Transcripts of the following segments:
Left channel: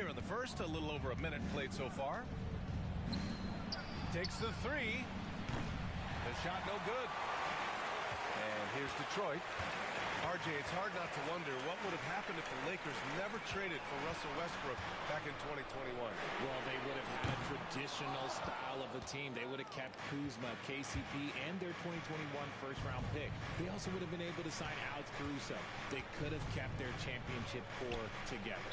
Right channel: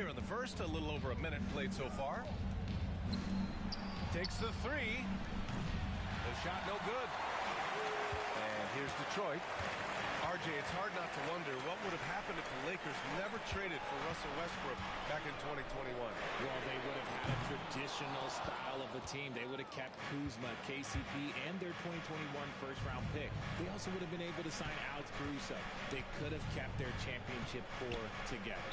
Here in the first, a little over a minute played so far. Takes the three. The shot no good. And here's Detroit. RJ, it's hard not to wonder what would have happened if the Lakers never traded for Russell Westbrook back in 2021. Well, they would have had a traditional style of a team. They would have kept Kuzma, KCP, and their 2021 first-round pick. They also would have been able to sign Alex Caruso. They could have kept their championship core together.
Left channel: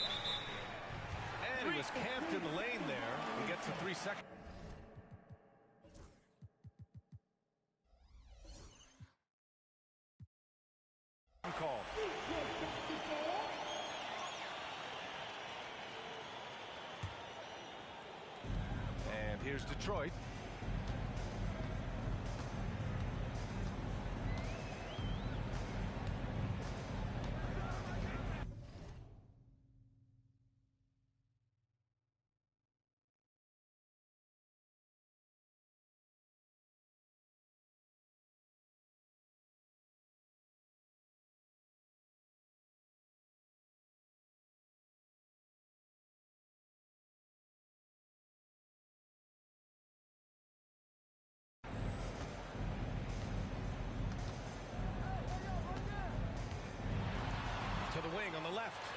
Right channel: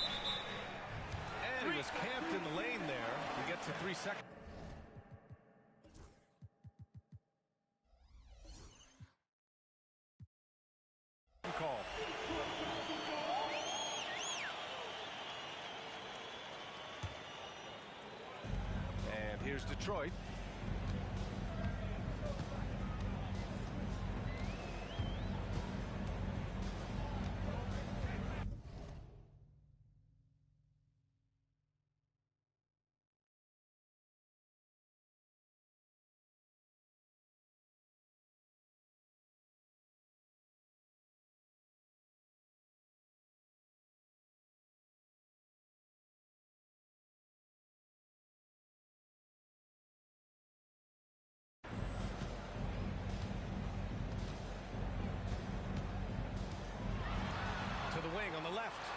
And he was camped in the lane there. He gets a 3-second. Call. And here's Detroit. To the wing on the left.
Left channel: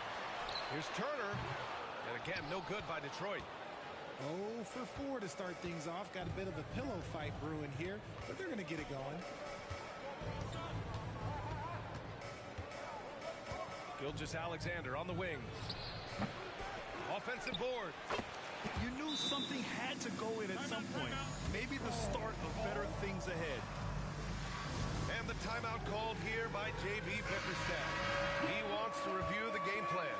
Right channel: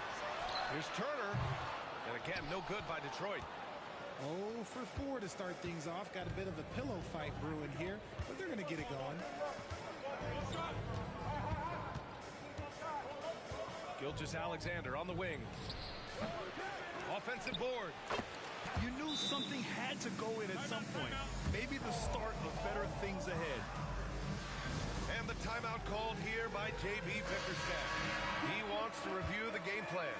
Here's Turner. And again, no good by Detroit. 0 for 4 to start things off. Got a bit of a pillow fight brewing here, but they're going to get it going. Gilgeous-Alexander on the wing. Offensive board. You knew something had to go in at some point. Maybe the start of better things ahead. And the timeout called here by J.B. Bickerstaff. He wants to review the game plan.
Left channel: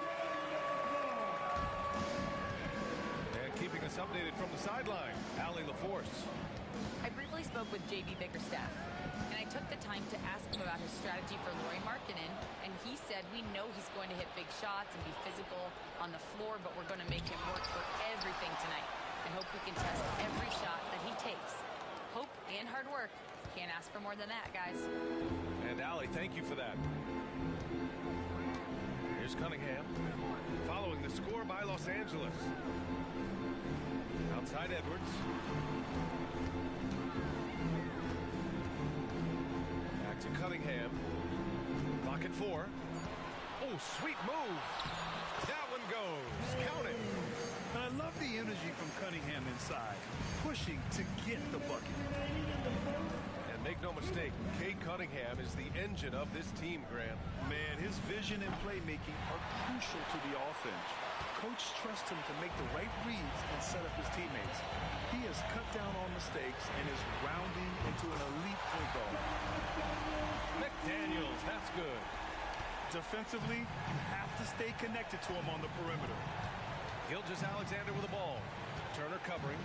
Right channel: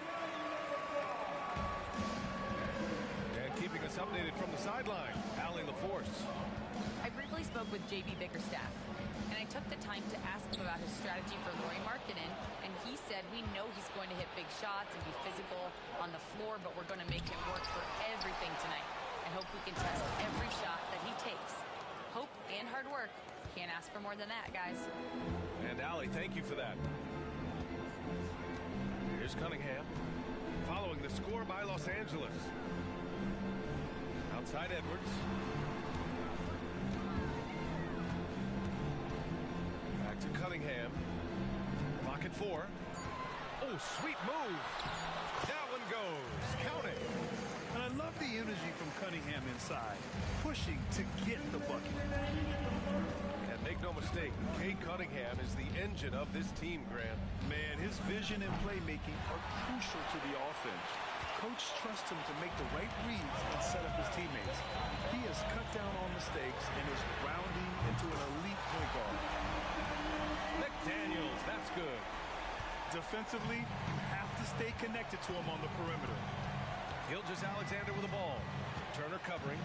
And keeping us updated from the sideline, Allie LaForce. I briefly spoke with J.B. Bickerstaff, and I took the time to ask him about his strategy for Lauri Markkanen, and he said we know he's going to hit big shots and be physical on the floor, but we're going to make him work for everything tonight. I hope we can test every shot that he takes. Hope and hard work. Can't ask for more than that, guys. And Allie, thank you for that. Here's Cunningham, following the score by Los Angeles. Outside Edwards. Back to Cunningham. Clock at 4. Oh, sweet move. That one goes. Count it. And I love the energy from Cunningham inside, pushing to get the bucket. And make no mistake, Cade Cunningham is the engine of this team, Grant. Man, his vision and playmaking are crucial to the offense. Coach trusts him to make the right reads and set up his teammates. He has cut down on mistakes and is rounding into an elite point guard. McDaniels, that's good. Defensively, you have to stay connected to him on the perimeter. Gilgeous-Alexander with the ball. Turner covering.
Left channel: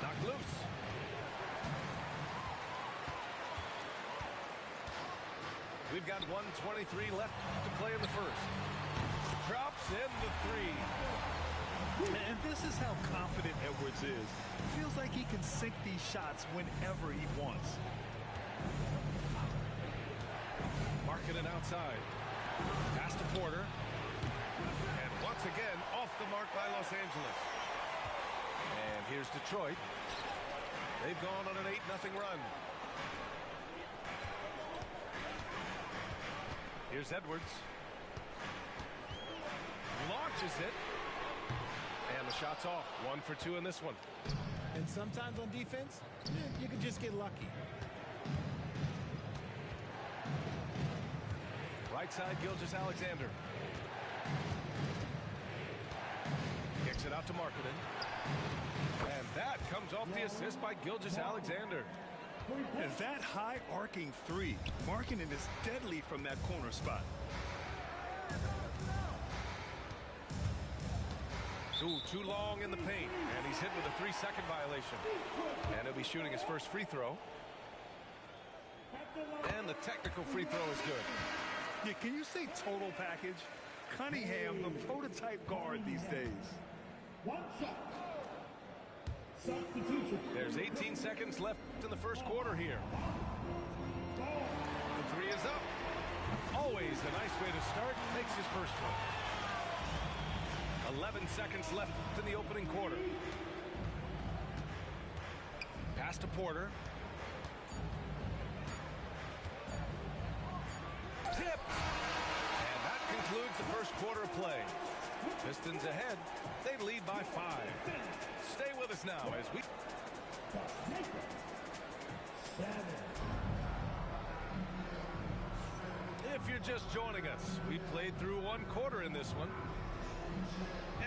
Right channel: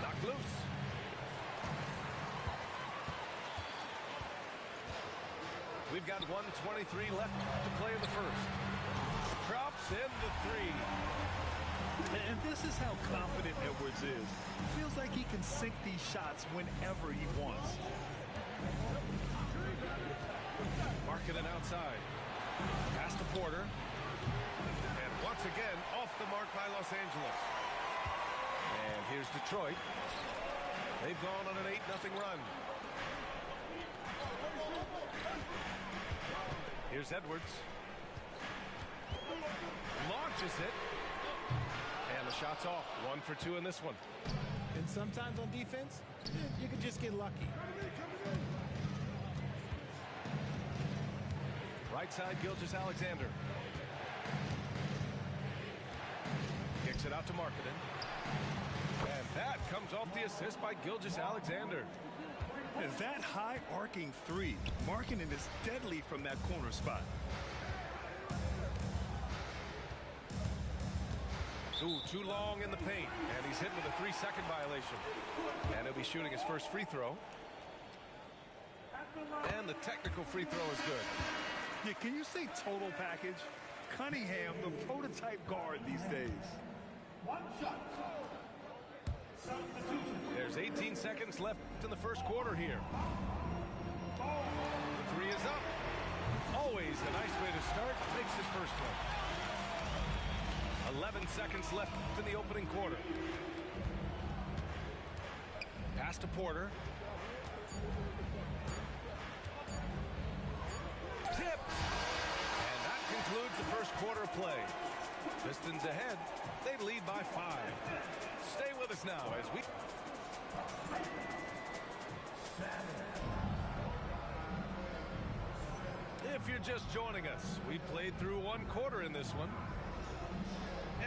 Knocked loose. We've got 1:23 left to play in the first. Drops in the three. And this is how confident Edwards is. Feels like he can sink these shots whenever he wants. Markkanen outside. Pass to Porter. And once again, off the mark by Los Angeles. And here's Detroit. They've gone on an 8-0 run. Here's Edwards. Launches it. And the shot's off. 1 for 2 in this one. And sometimes on defense, you can just get lucky. Right side, Gilgeous-Alexander. Kicks it out to Markkanen. And that comes off the assist by Gilgeous-Alexander. And that high arcing three, Markkanen is deadly from that corner spot. Ooh, too long in the paint. And he's hit with a 3-second violation. And he'll be shooting his first free throw. And the technical free throw is good. Yeah, can you say total package? Cunningham, the prototype guard these days. One shot. Substitution. There's 18 seconds left in the first quarter here. The three is up. Always a nice way to start. Makes his first one. 11 seconds left in the opening quarter. Pass to Porter. Tipped. And that concludes the first quarter of play. Pistons ahead. They lead by 5. Stay with us now as we... If you're just joining us, we played through one quarter in this one.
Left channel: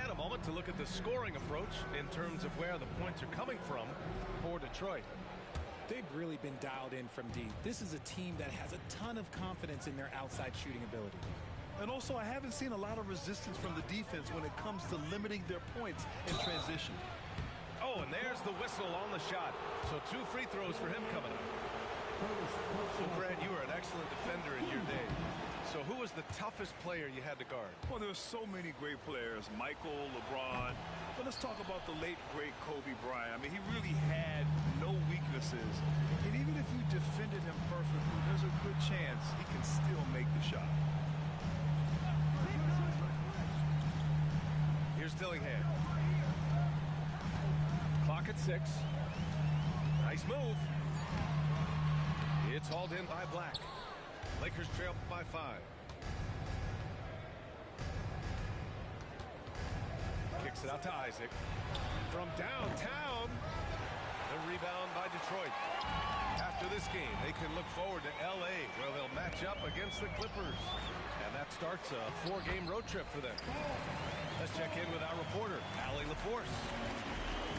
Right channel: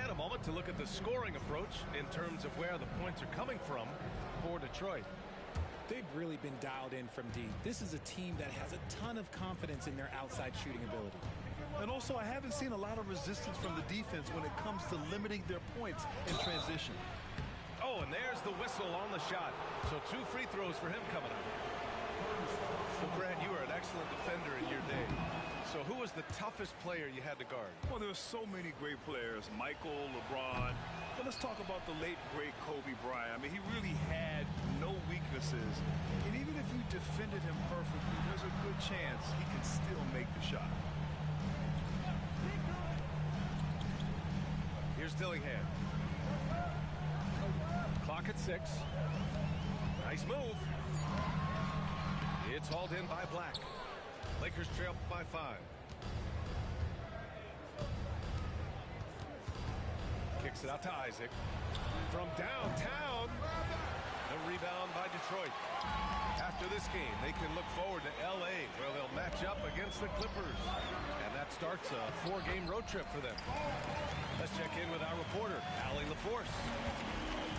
And a moment to look at the scoring approach in terms of where the points are coming from for Detroit. They've really been dialed in from deep. This is a team that has a ton of confidence in their outside shooting ability. And also, I haven't seen a lot of resistance from the defense when it comes to limiting their points in transition. Oh, and there's the whistle on the shot. So 2 free throws for him coming up. Well, Grant, you were an excellent defender in your day. So who was the toughest player you had to guard? Well, there were so many great players. Michael, LeBron. But let's talk about the late, great Kobe Bryant. I mean, he really had no weaknesses. And even if you defended him perfectly, there's a good chance he can still make the shot. Here's Dillingham. Clock at 6. Nice move. It's hauled in by Black. Lakers trail by 5. Kicks it out to Isaac. From downtown. The rebound by Detroit. After this game, they can look forward to L.A., where they'll match up against the Clippers. And that starts a 4-game road trip for them. Let's check in with our reporter, Allie LaForce.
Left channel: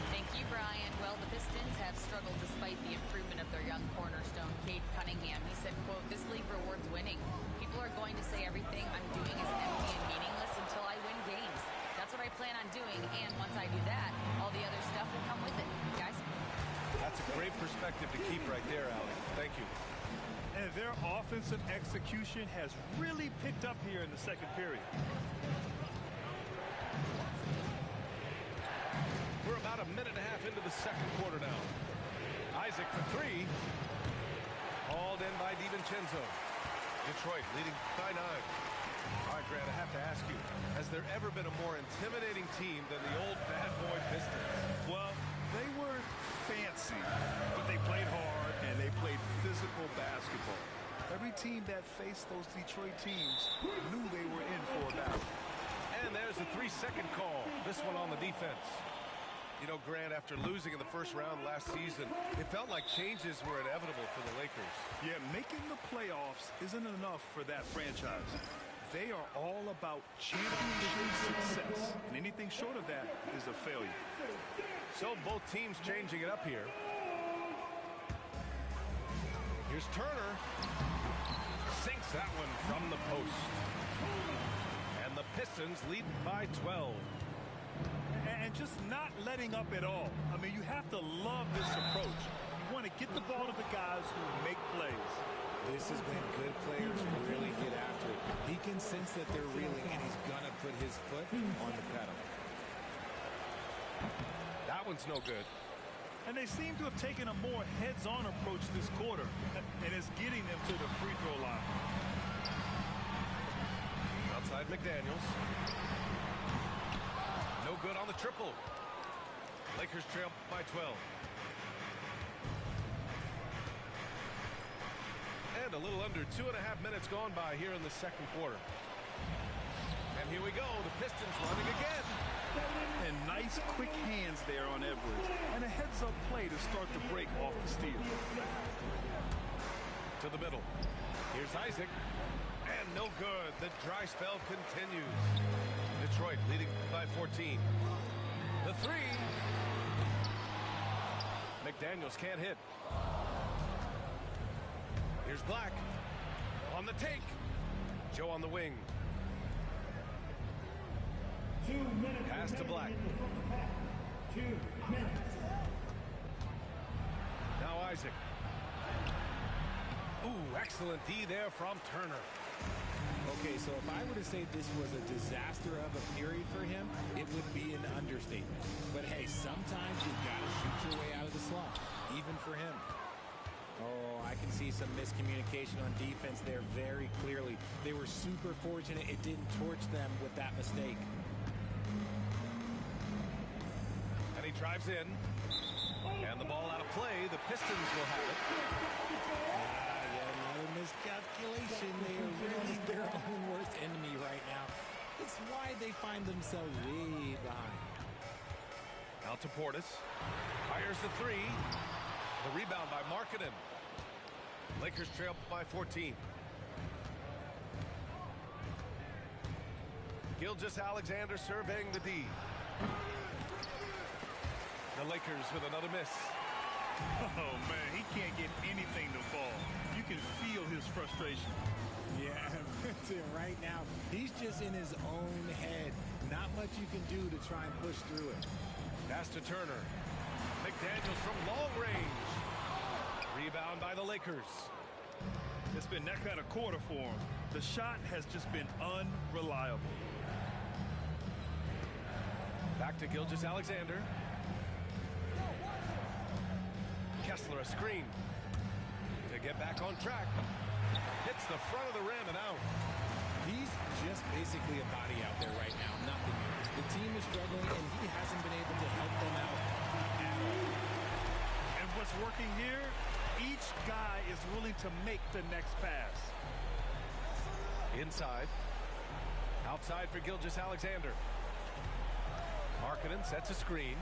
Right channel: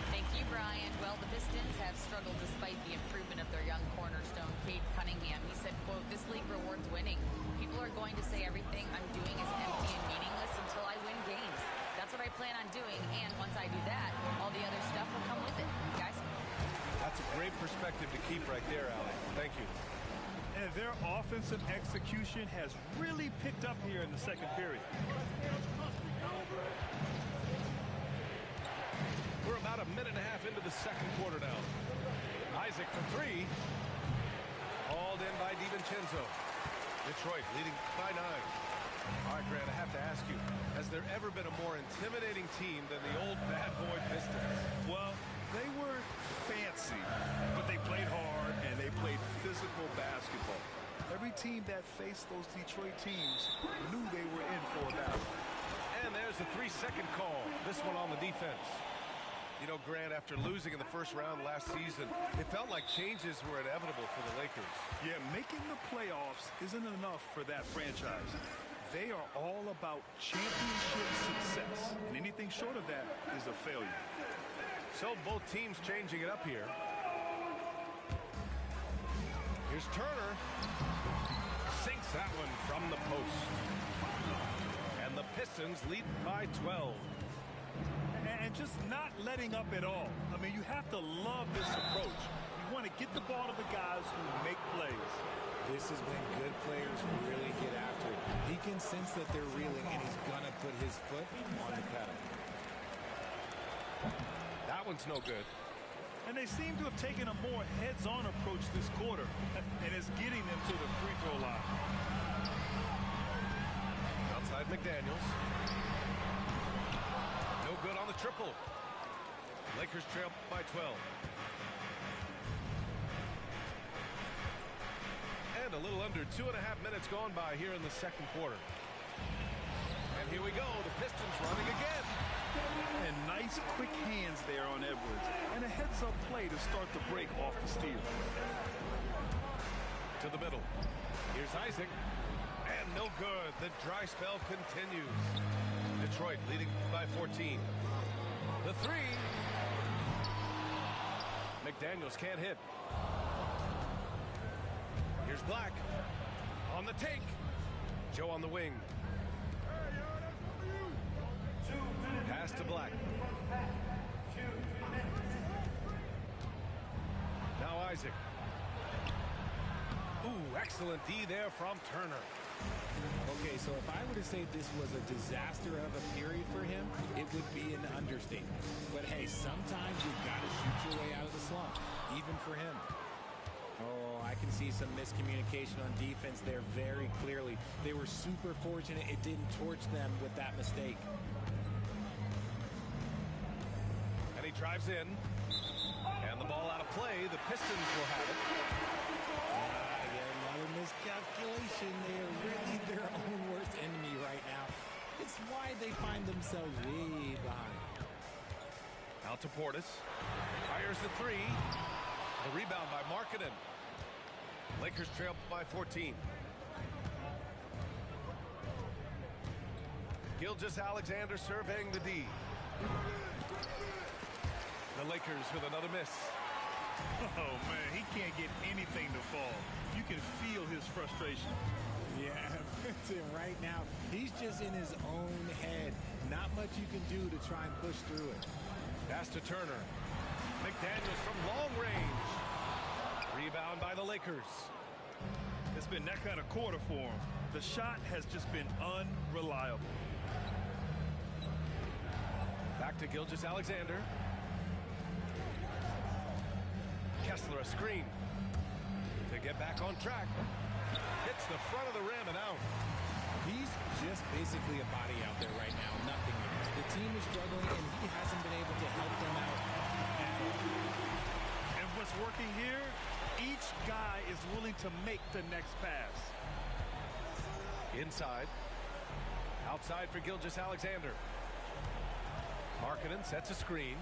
Thank you, Brian. Well, the Pistons have struggled despite the improvement of their young cornerstone, Cade Cunningham. He said, quote, "This league rewards winning. People are going to say everything I'm doing is empty and meaningless until I win games. That's what I plan on doing, and once I do that, all the other stuff will come with it." Guys? That's a great perspective to keep right there, Allie. Thank you. And their offensive execution has really picked up here in the second period. We're about a minute and a half into the second quarter now. Isaac for 3. Hauled in by DiVincenzo. Detroit leading by 9. All right, Grant, I have to ask you, has there ever been a more intimidating team than the old bad boy Pistons? Well, they weren't fancy, but they played hard and they played physical basketball. Every team that faced those Detroit teams knew they were in for a battle. And there's a 3-second call. This one on the defense. You know, Grant, after losing in the first round last season, it felt like changes were inevitable for the Lakers. Yeah, making the playoffs isn't enough for that franchise. They are all about championship success, and anything short of that is a failure. So both teams changing it up here. Here's Turner. Sinks that one from the post. And the Pistons lead by 12. And just not letting up at all. I mean, you have to love this approach. You want to get the ball to the guys who make plays. This is when good players really get after it. He can sense that they're reeling, and he's going to put his foot on the pedal. That one's no good. And they seem to have taken a more heads-on approach this quarter, and it's getting them to the free throw line. Outside McDaniels. No good on the triple. Lakers trail by 12. And a little under 2.5 minutes gone by here in the second quarter. And here we go, the Pistons running again. And nice quick hands there on Edwards. And a heads-up play to start the break off the steal. To the middle. Here's Isaac. And no good. The dry spell continues. Detroit leading by 14. The 3. McDaniels can't hit. Here's Black. On the take. Joe on the wing. Pass to Black. 2 minutes. Now Isaac. Ooh, excellent D there from Turner. Okay, so if I were to say this was a disaster of a period for him, it would be an understatement. But hey, sometimes you've got to shoot your way out of the slump, even for him. Oh, I can see some miscommunication on defense there very clearly. They were super fortunate it didn't torch them with that mistake. And he drives in. And the ball out of play. The Pistons will have it. Yet another miscalculation. They are really their own worst enemy right now. It's why they find themselves way behind. Out to Portis. Fires the three. The rebound by Markkanen. Lakers trail by 14. Gilgeous-Alexander surveying the D. The Lakers with another miss. Oh, man, he can't get anything to fall. You can feel his frustration. Yeah, right now, he's just in his own head. Not much you can do to try and push through it. Pass to Turner. McDaniels from long range. Rebound by the Lakers. It's been that kind of quarter for him. The shot has just been unreliable. Back to Gilgeous-Alexander. Kessler a screen. To get back on track. Hits the front of the rim and out. He's just basically a body out there right now, nothing else. The team is struggling, and he hasn't been able to help them out at all. And what's working here, each guy is willing to make the next pass. Inside. Outside for Gilgeous-Alexander. Markkanen sets a screen.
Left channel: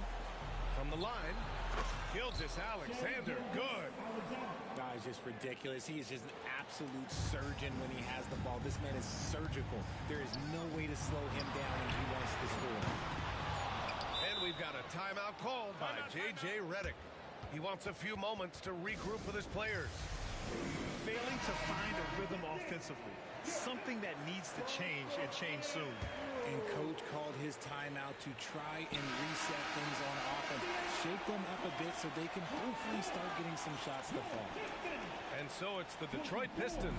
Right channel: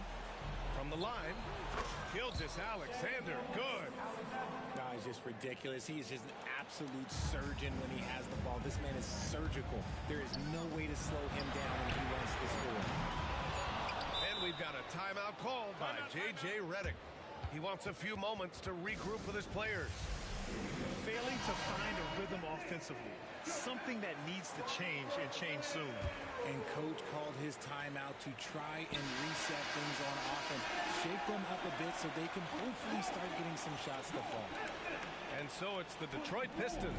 From the line, Gilgeous-Alexander, good. He's just ridiculous. He is just an absolute surgeon when he has the ball. This man is surgical. There is no way to slow him down when he wants to score. And we've got a timeout called by J.J. Redick. He wants a few moments to regroup with his players. Failing to find a rhythm offensively. Something that needs to change and change soon. And coach called his timeout to try and reset things on offense. Shake them up a bit so they can hopefully start getting some shots to fall. And so it's the Detroit Pistons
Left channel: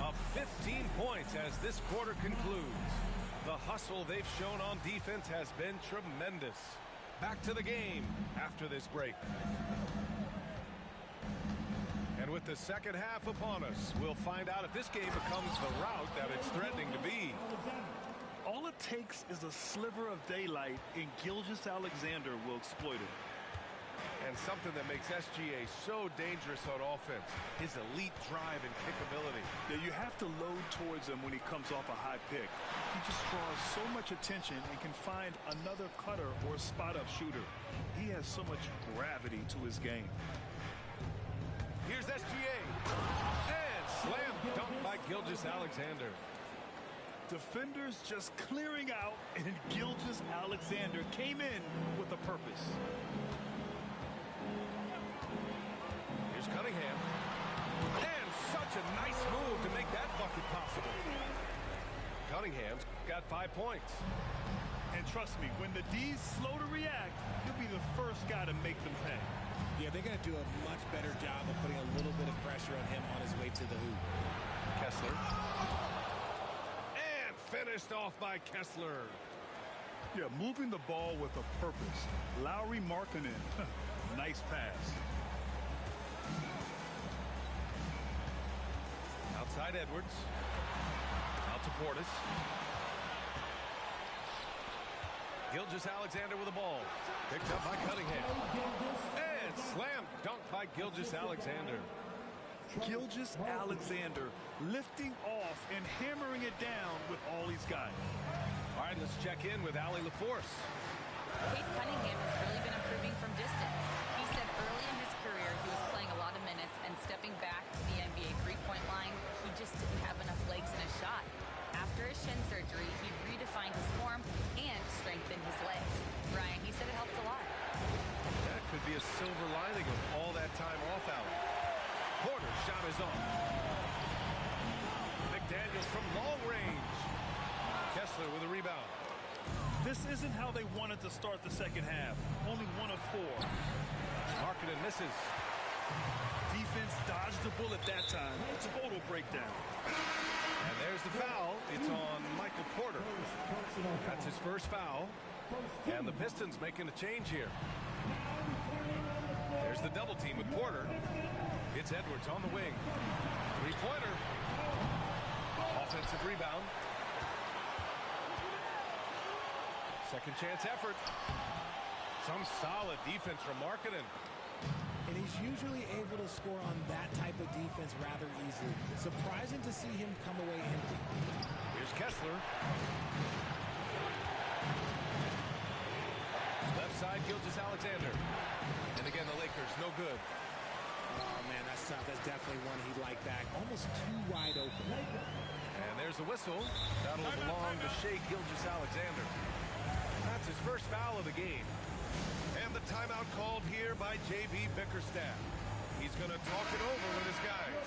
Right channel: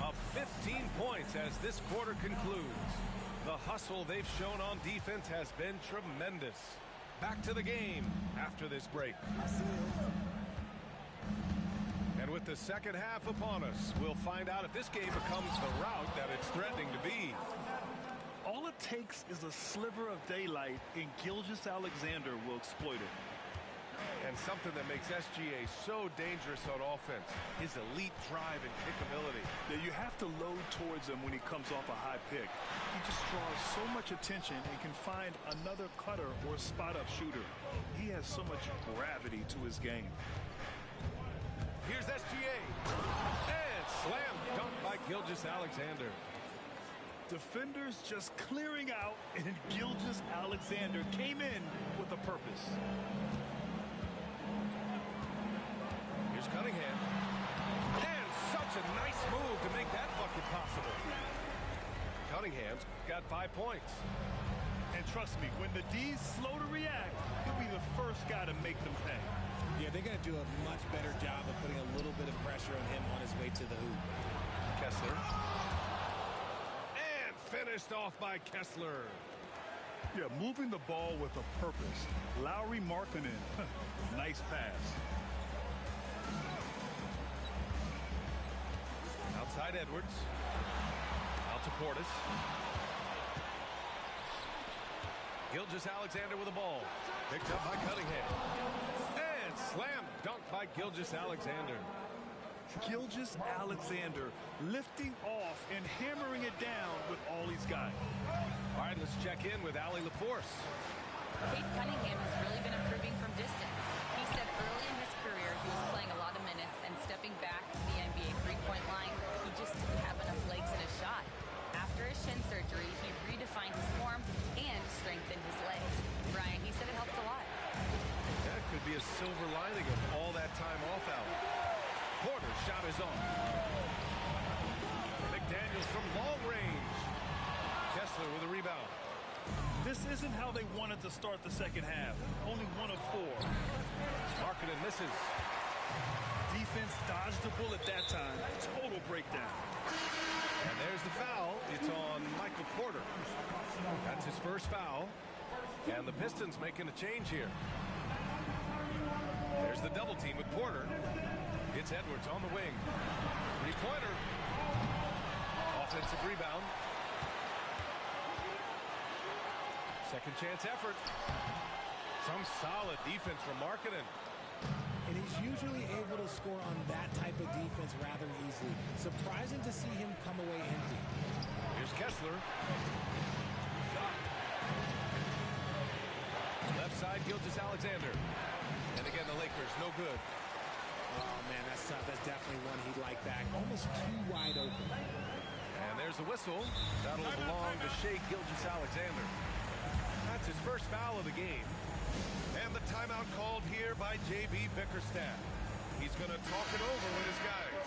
up 15 points as this quarter concludes. The hustle they've shown on defense has been tremendous. Back to the game after this break. And with the second half upon us, we'll find out if this game becomes the rout that it's threatening to be. All it takes is a sliver of daylight, and Gilgeous-Alexander will exploit it. And something that makes SGA so dangerous on offense, his elite drive and kickability. Yeah, you have to load towards him when he comes off a high pick. He just draws so much attention and can find another cutter or spot-up shooter. He has so much gravity to his game. Here's SGA. And slam dunk by Gilgeous-Alexander. Defenders just clearing out, and Gilgeous-Alexander came in with a purpose. Here's Cunningham. And such a nice move to make that bucket possible. Cunningham's got 5 points. And trust me, when the D's slow to react, he'll be the first guy to make them pay. Yeah, they're going to do a much better job of putting a little bit of pressure on him on his way to the hoop. Kessler. Finished off by Kessler. Yeah, moving the ball with a purpose. Lauri Markkanen. Nice pass. Outside Edwards. Out to Portis. Gilgeous-Alexander with the ball. Picked up by Cunningham. And slam dunk by Gilgeous-Alexander. Gilgeous-Alexander lifting off and hammering it down with all he's got. All right, let's check in with Allie LaForce. Cade Cunningham has really been improving from distance. He said early in his career he was playing a lot of minutes, and stepping back to the NBA three-point line, he just didn't have enough legs in his shot. After his shin surgery, he redefined his form and strengthened his legs. Brian, he said it helped a lot. That could be a silver lining of all that time off, Allie. Porter's shot is off. McDaniels from long range. Kessler with a rebound. This isn't how they wanted to start the second half. Only 1 of 4. Markkanen misses. Defense dodged the bullet that time. Total breakdown. And there's the foul. It's on Michael Porter. That's his first foul. And the Pistons making a change here. There's the double team with Porter. It's Edwards on the wing. Three-pointer. Offensive rebound. Second chance effort. Some solid defense from Markkanen. And he's usually able to score on that type of defense rather easily. Surprising to see him come away empty. Here's Kessler. Left side, Gilgeous-Alexander. And again, the Lakers, no good. Oh, man, that's tough. That's definitely one he'd like back. Almost too wide open. And there's the whistle. That'll belong to Shai Gilgeous-Alexander. That's his first foul of the game. And the timeout called here by J.B. Bickerstaff. He's going to talk it over with his guys.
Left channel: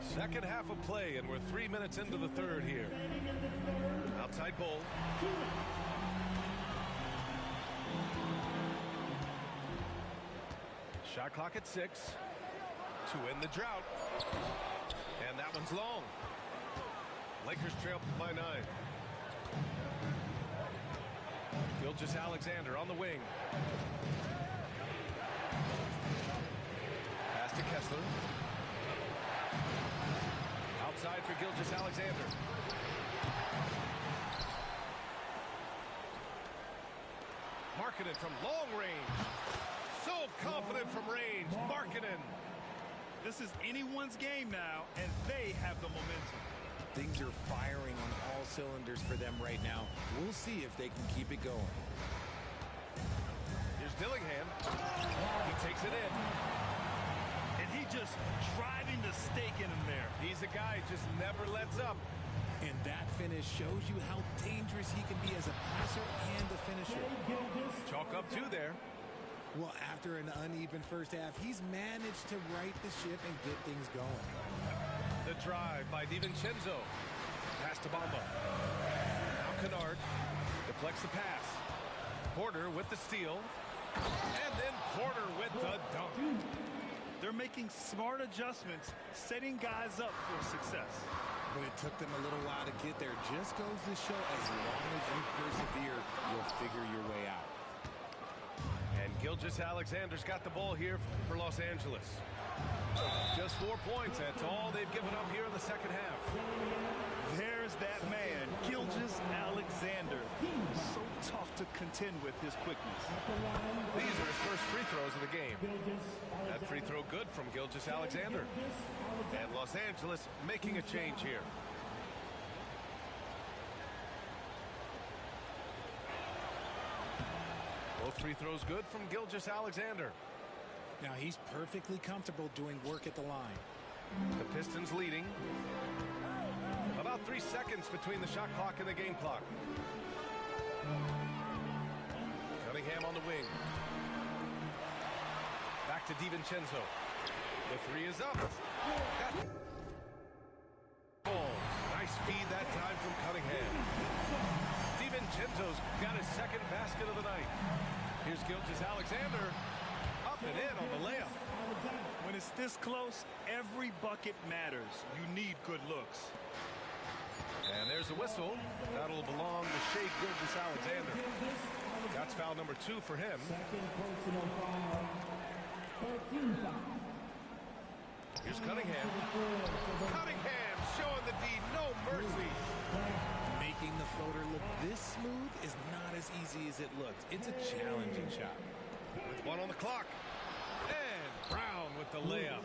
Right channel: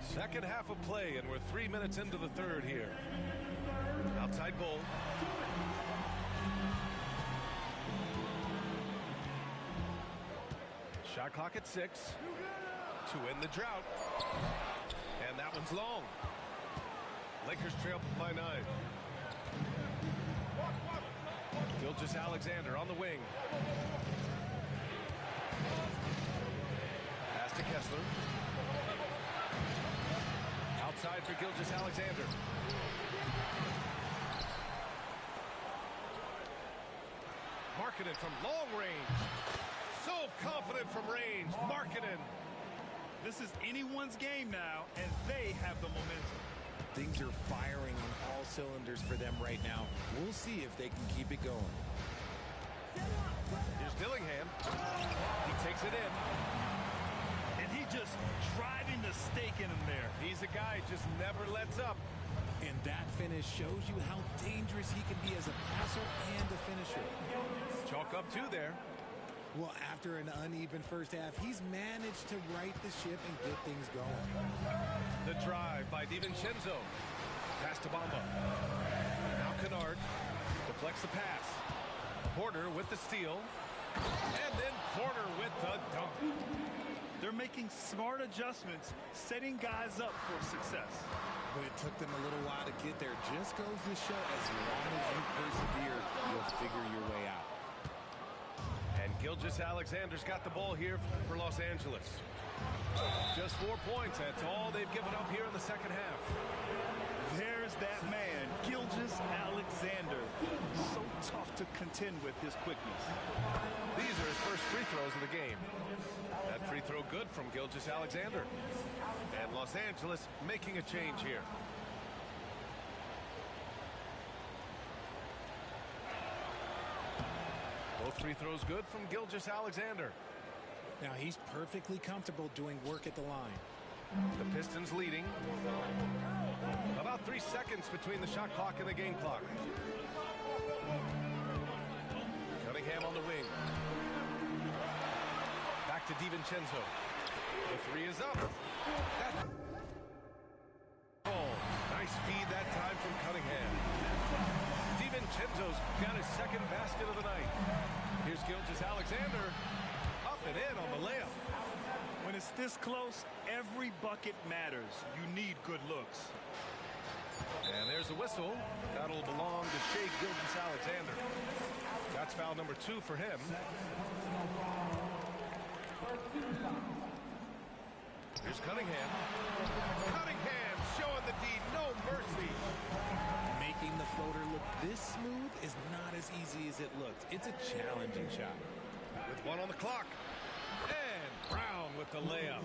Second half of play, and we're 3 minutes into the third here. Outside Bull. Shot clock at 6 to end the drought. And that one's long. Lakers trail by 9. Gilgeous-Alexander on the wing. Pass to Kessler. Outside for Gilgeous-Alexander. Markkanen from long range. So confident from range. Markkanen. This is anyone's game now, and they have the momentum. Things are firing on all cylinders for them right now. We'll see if they can keep it going. Here's Dillingham. He takes it in. And he just driving the stake in him there. He's a guy just never lets up. And that finish shows you how dangerous he can be as a passer and a finisher. Chalk up 2 there. Well, after an uneven first half, he's managed to right the ship and get things going. The drive by DiVincenzo. Pass to Bamba. Now Kennard deflects the pass. Porter with the steal. And then Porter with the dunk. They're making smart adjustments, setting guys up for success. But it took them a little while to get there. Just goes to show as long as you persevere, you'll figure your way out. And Gilgeous-Alexander's got the ball here for Los Angeles. Just 4 points. That's all they've given up here in the second half. There's that man, Gilgeous-Alexander. So tough to contend with his quickness. These are his first free throws of the game. That free throw good from Gilgeous-Alexander. And Los Angeles making a change here. Both free throws good from Gilgeous-Alexander. Now he's perfectly comfortable doing work at the line. The Pistons leading. About 3 seconds between the shot clock and the game clock. Cunningham on the wing. Back to DiVincenzo. The 3 is up. That ball. Nice feed that time from Cunningham. DiVincenzo's got his second basket of the night. Here's Gilgeous-Alexander. Up and in on the layup. When it's this close, every bucket matters. You need good looks. And there's a whistle. That'll belong to Shai Gilgeous-Alexander. That's foul number 2 for him. Here's Cunningham. Cunningham showing the D, no mercy. Making the floater look this smooth is not as easy as it looked. It's a challenging shot. With 1 on the clock. And Brown with the layup.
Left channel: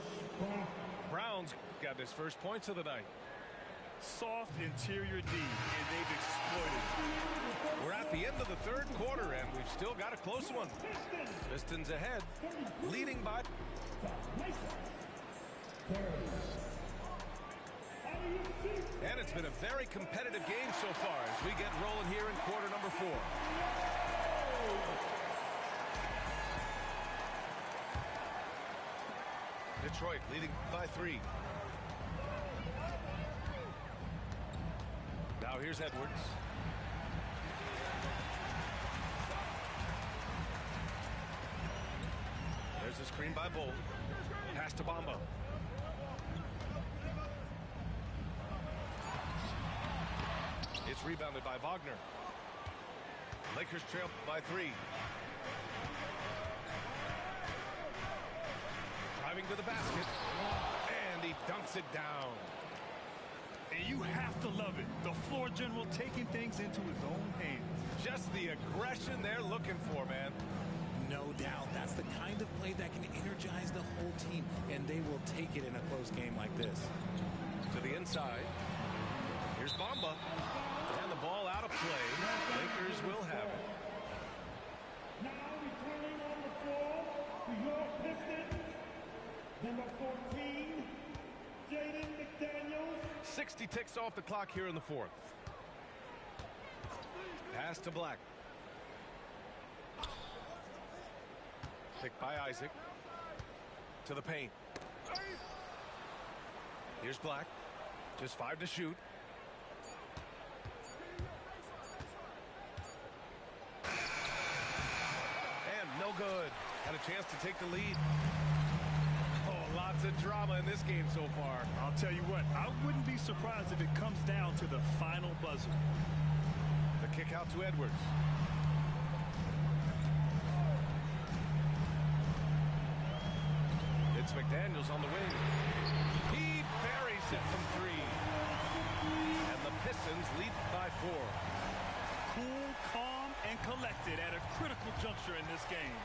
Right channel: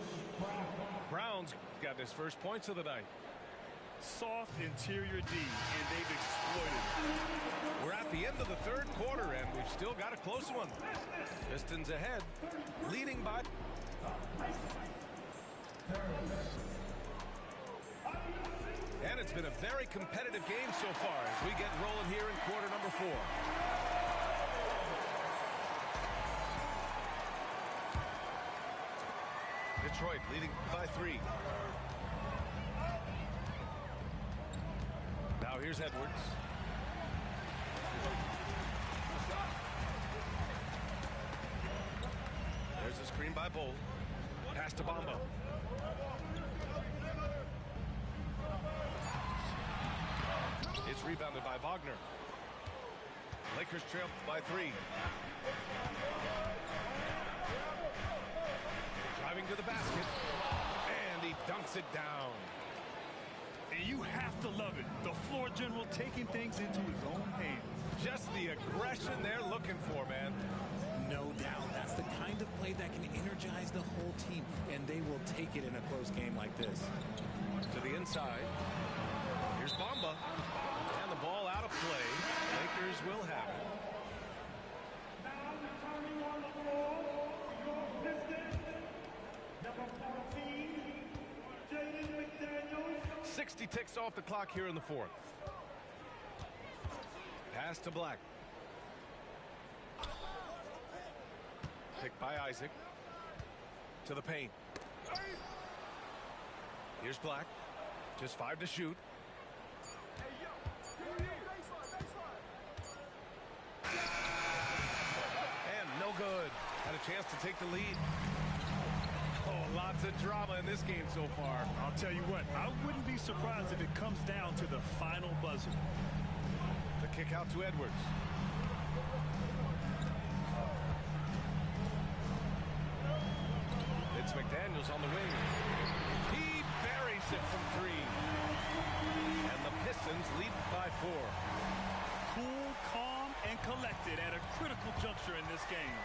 Brown's got his first points of the night. Soft interior D, and they've exploited it. We're at the end of the third quarter, and we've still got a close one. Pistons ahead, leading by... And it's been a very competitive game so far as we get rolling here in quarter number 4. Detroit leading by 3. Now here's Edwards. There's a screen by Bull. Pass to Bamba. It's rebounded by Wagner. Lakers trail by 3. Driving to the basket. And he dunks it down. And you have to love it. The floor general taking things into his own hands. Just the aggression they're looking for, man. No doubt. That's the kind of play that can energize the whole team, and they will take it in a close game like this. To the inside. Here's Bamba. And the ball out of play. Lakers will have it. Now returning on the floor to your Pistons, number 14, Jaden McDaniels. 60 ticks off the clock here in the 4th. Pass to Black. Picked by Isaac. To the paint. Here's Black. Just 5 to shoot. And no good. Had a chance to take the lead. Oh, lots of drama in this game so far. I'll tell you what, I wouldn't be surprised if it comes down to the final buzzer. The kick out to Edwards. It's McDaniels on the wing. He buries it from 3. And the Pistons lead by 4. Cool, calm, and collected at a critical juncture in this game.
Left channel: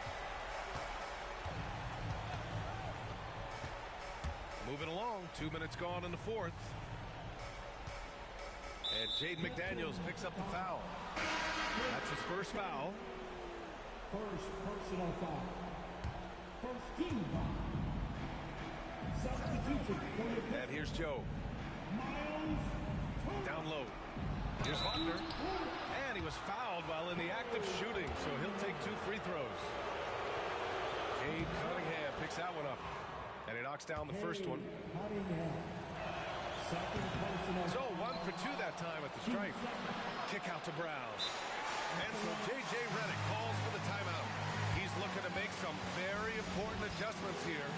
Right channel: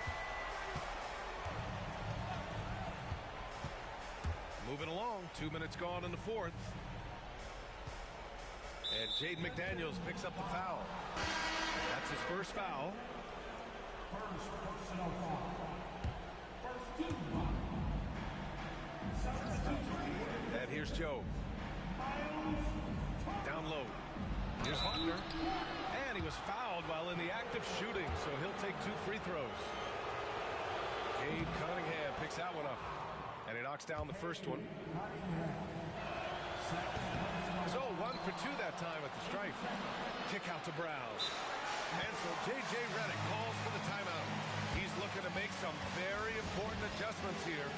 Moving along, 2 minutes gone in the 4th. And Jaden McDaniels picks up the foul. That's his first foul. First personal foul. First team foul. Substitution for your And here's Joe. Miles Down low. Here's Wagner. And he was fouled while in the act of shooting, so he'll take 2 free throws. Cade Cunningham picks that one up. And he knocks down the first one. So 1 for 2 that time at the stripe. Kick out to Brown. And so J.J. Redick calls for the timeout. He's looking to make some very important adjustments here.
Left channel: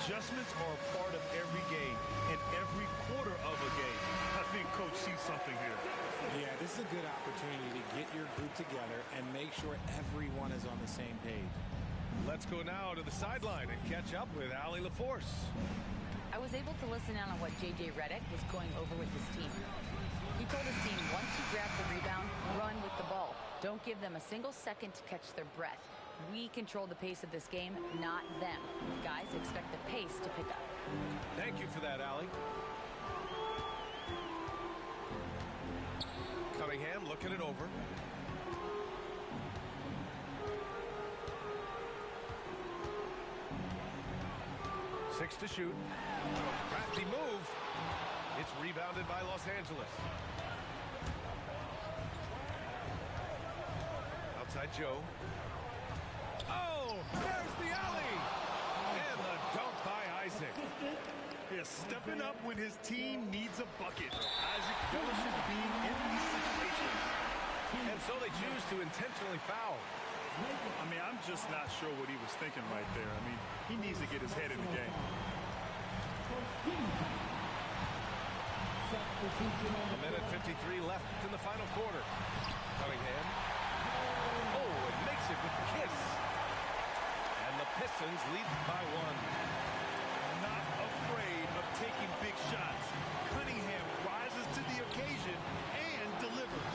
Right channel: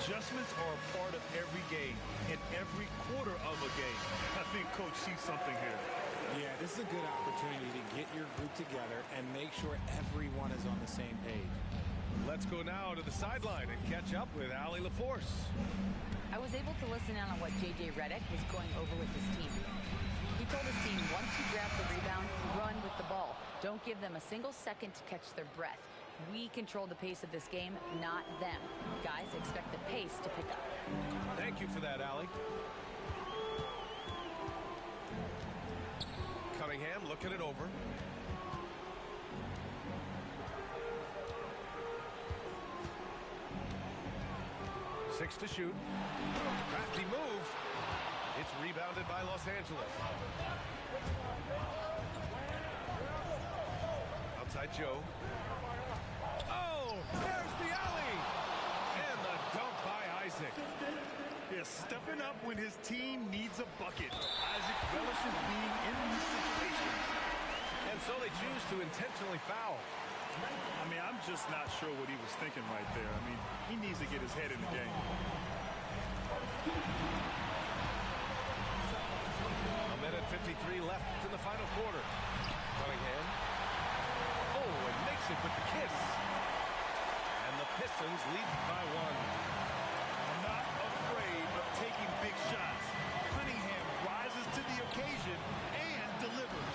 Adjustments are a part of every game and every quarter of a game. I think Coach sees something here. Yeah, this is a good opportunity to get your group together and make sure everyone is on the same page. Let's go now to the sideline and catch up with Allie LaForce. I was able to listen in on what J.J. Redick was going over with his team. He told his team, once you grab the rebound, run with the ball. Don't give them a single second to catch their breath. We control the pace of this game, not them. Guys, expect the pace to pick up. Thank you for that, Allie. Cunningham looking it over. Six to shoot. Crafty move. It's rebounded by Los Angeles. Outside Joe. Oh, there's the alley. And the dunk by Isaac. Yeah, stepping up when his team needs a bucket. Isaac relishes being in these situations. And so they choose to intentionally foul. I mean, I'm just not sure what he was thinking right there. I mean, he needs to get his head in the game. A minute 53 left in the final quarter. Cunningham. Oh, and makes it with the kiss. And the Pistons lead by 1. Not afraid of taking big shots. Cunningham rises to the occasion and delivers.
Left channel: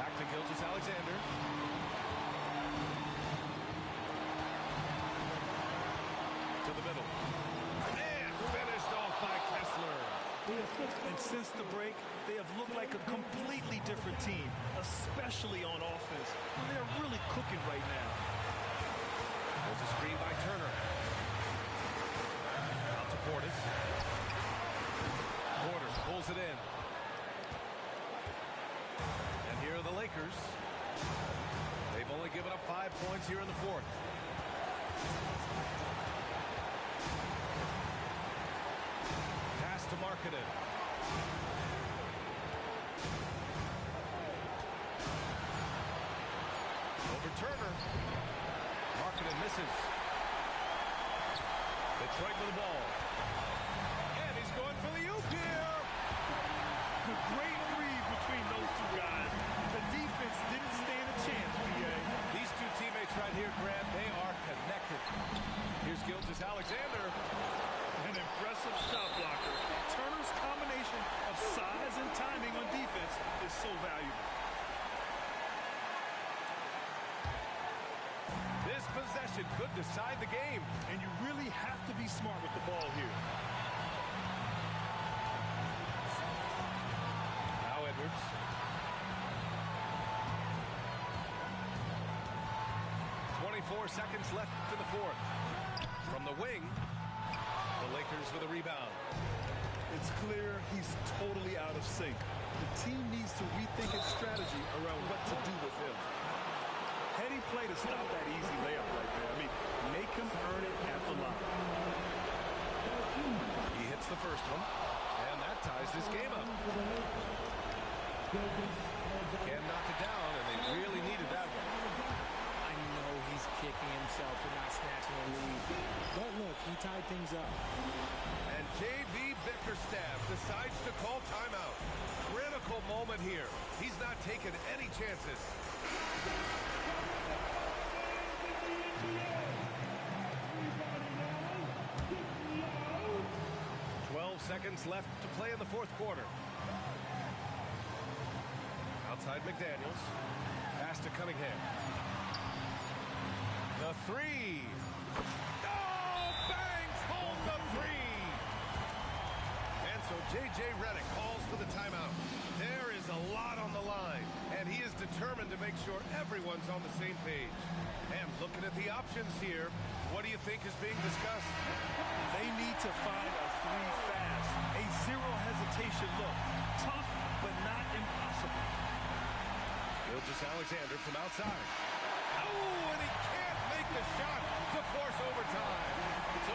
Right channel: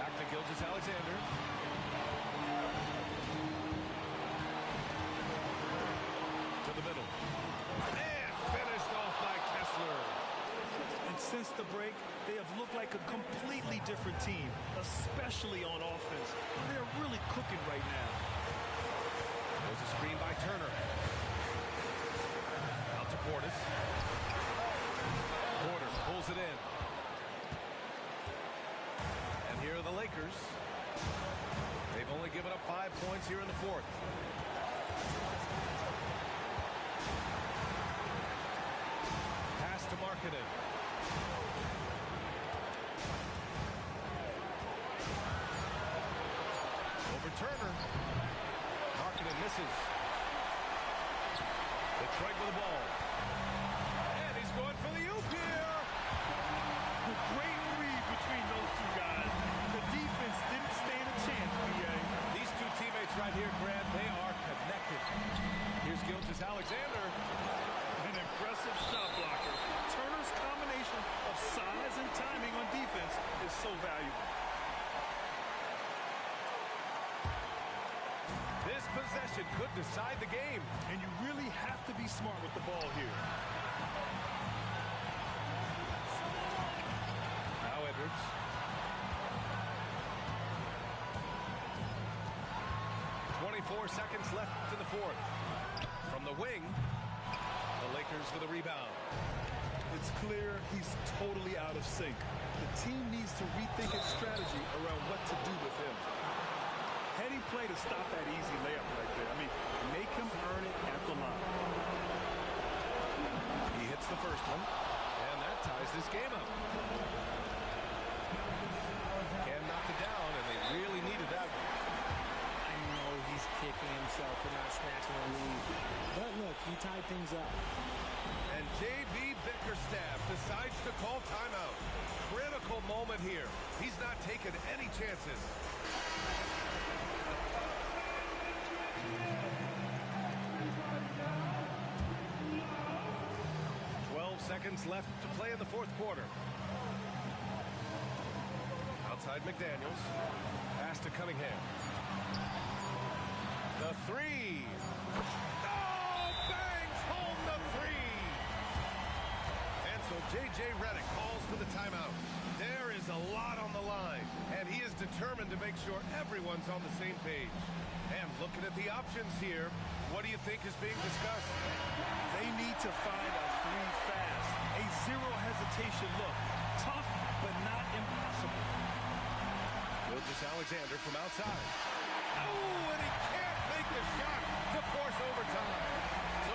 Back to Gilgeous-Alexander. To the middle. And finished off by Kessler. And since the break, they have looked like a completely different team, especially on offense. They're really cooking right now. There's a screen by Turner. Out to Portis. Porter pulls it in. And here are the Lakers. They've only given up 5 points here in the 4th. Pass to Markkanen. Over Turner. Markkanen misses. Detroit with the ball. And he's going for the oop here. The great read between those two guys. The defense didn't stand a chance, B.A. These two teammates right here, Grant, they are connected. Here's Gilgeous-Alexander. An impressive shot blocker. Turner's combination of size and timing on defense is so valuable. This possession could decide the game. And you really have to be smart with the ball here. Now Edwards. .24 seconds left in the fourth. From the wing, the Lakers with a rebound. It's clear he's totally out of sync. The team needs to rethink its strategy around what to do with him. Heady play to stop that easy layup right there. I mean, make him earn it at the line. He hits the first one, and that ties this game up. Can knock it down, and they really needed that one. I know he's kicking himself for not snatching the lead. But look, he tied things up. And J.B. Bickerstaff decides to call timeout. Critical moment here. He's not taking any chances. 12 seconds left to play in the fourth quarter. Outside McDaniels. Pass to Cunningham. The three. Oh, bangs home the three. And so J.J. Redick calls for the timeout. There is a lot on the line, and he is determined to make sure everyone's on the same page. And looking at the options here, what do you think is being discussed? They need to find a three fast. A zero hesitation look. Tough, but not impossible. Gilgeous-Alexander from outside. Oh, and he can't make the shot to force overtime. So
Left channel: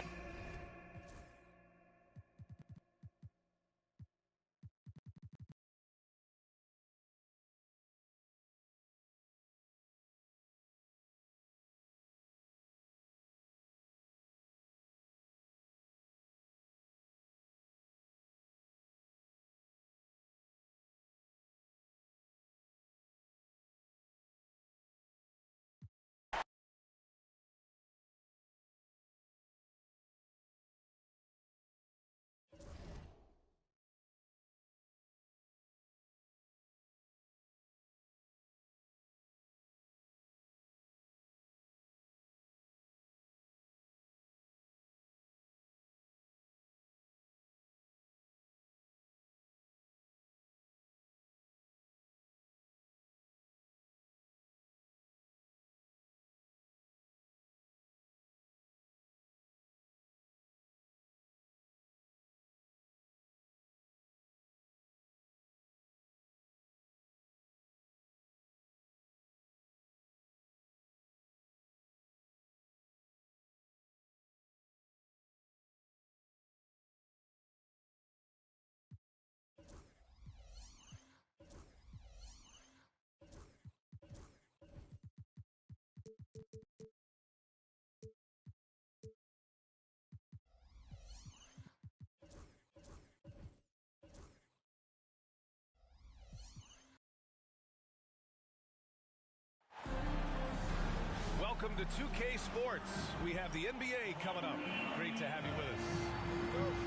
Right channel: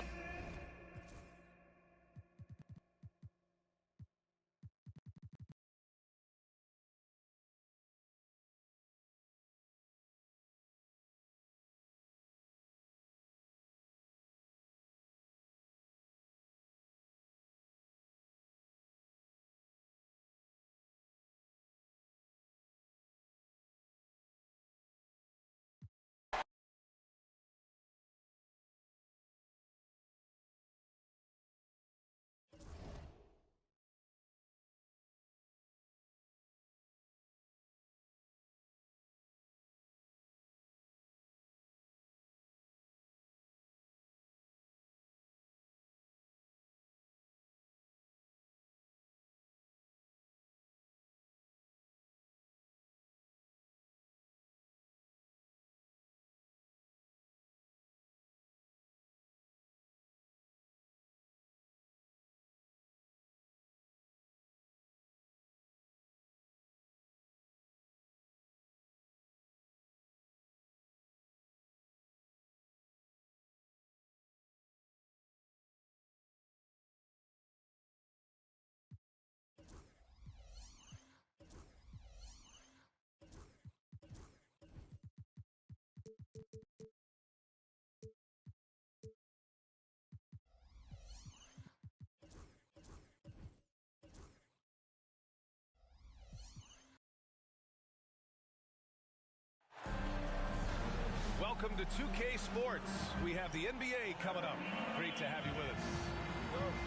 welcome to 2K Sports. We have the NBA coming up. Great to have you with us.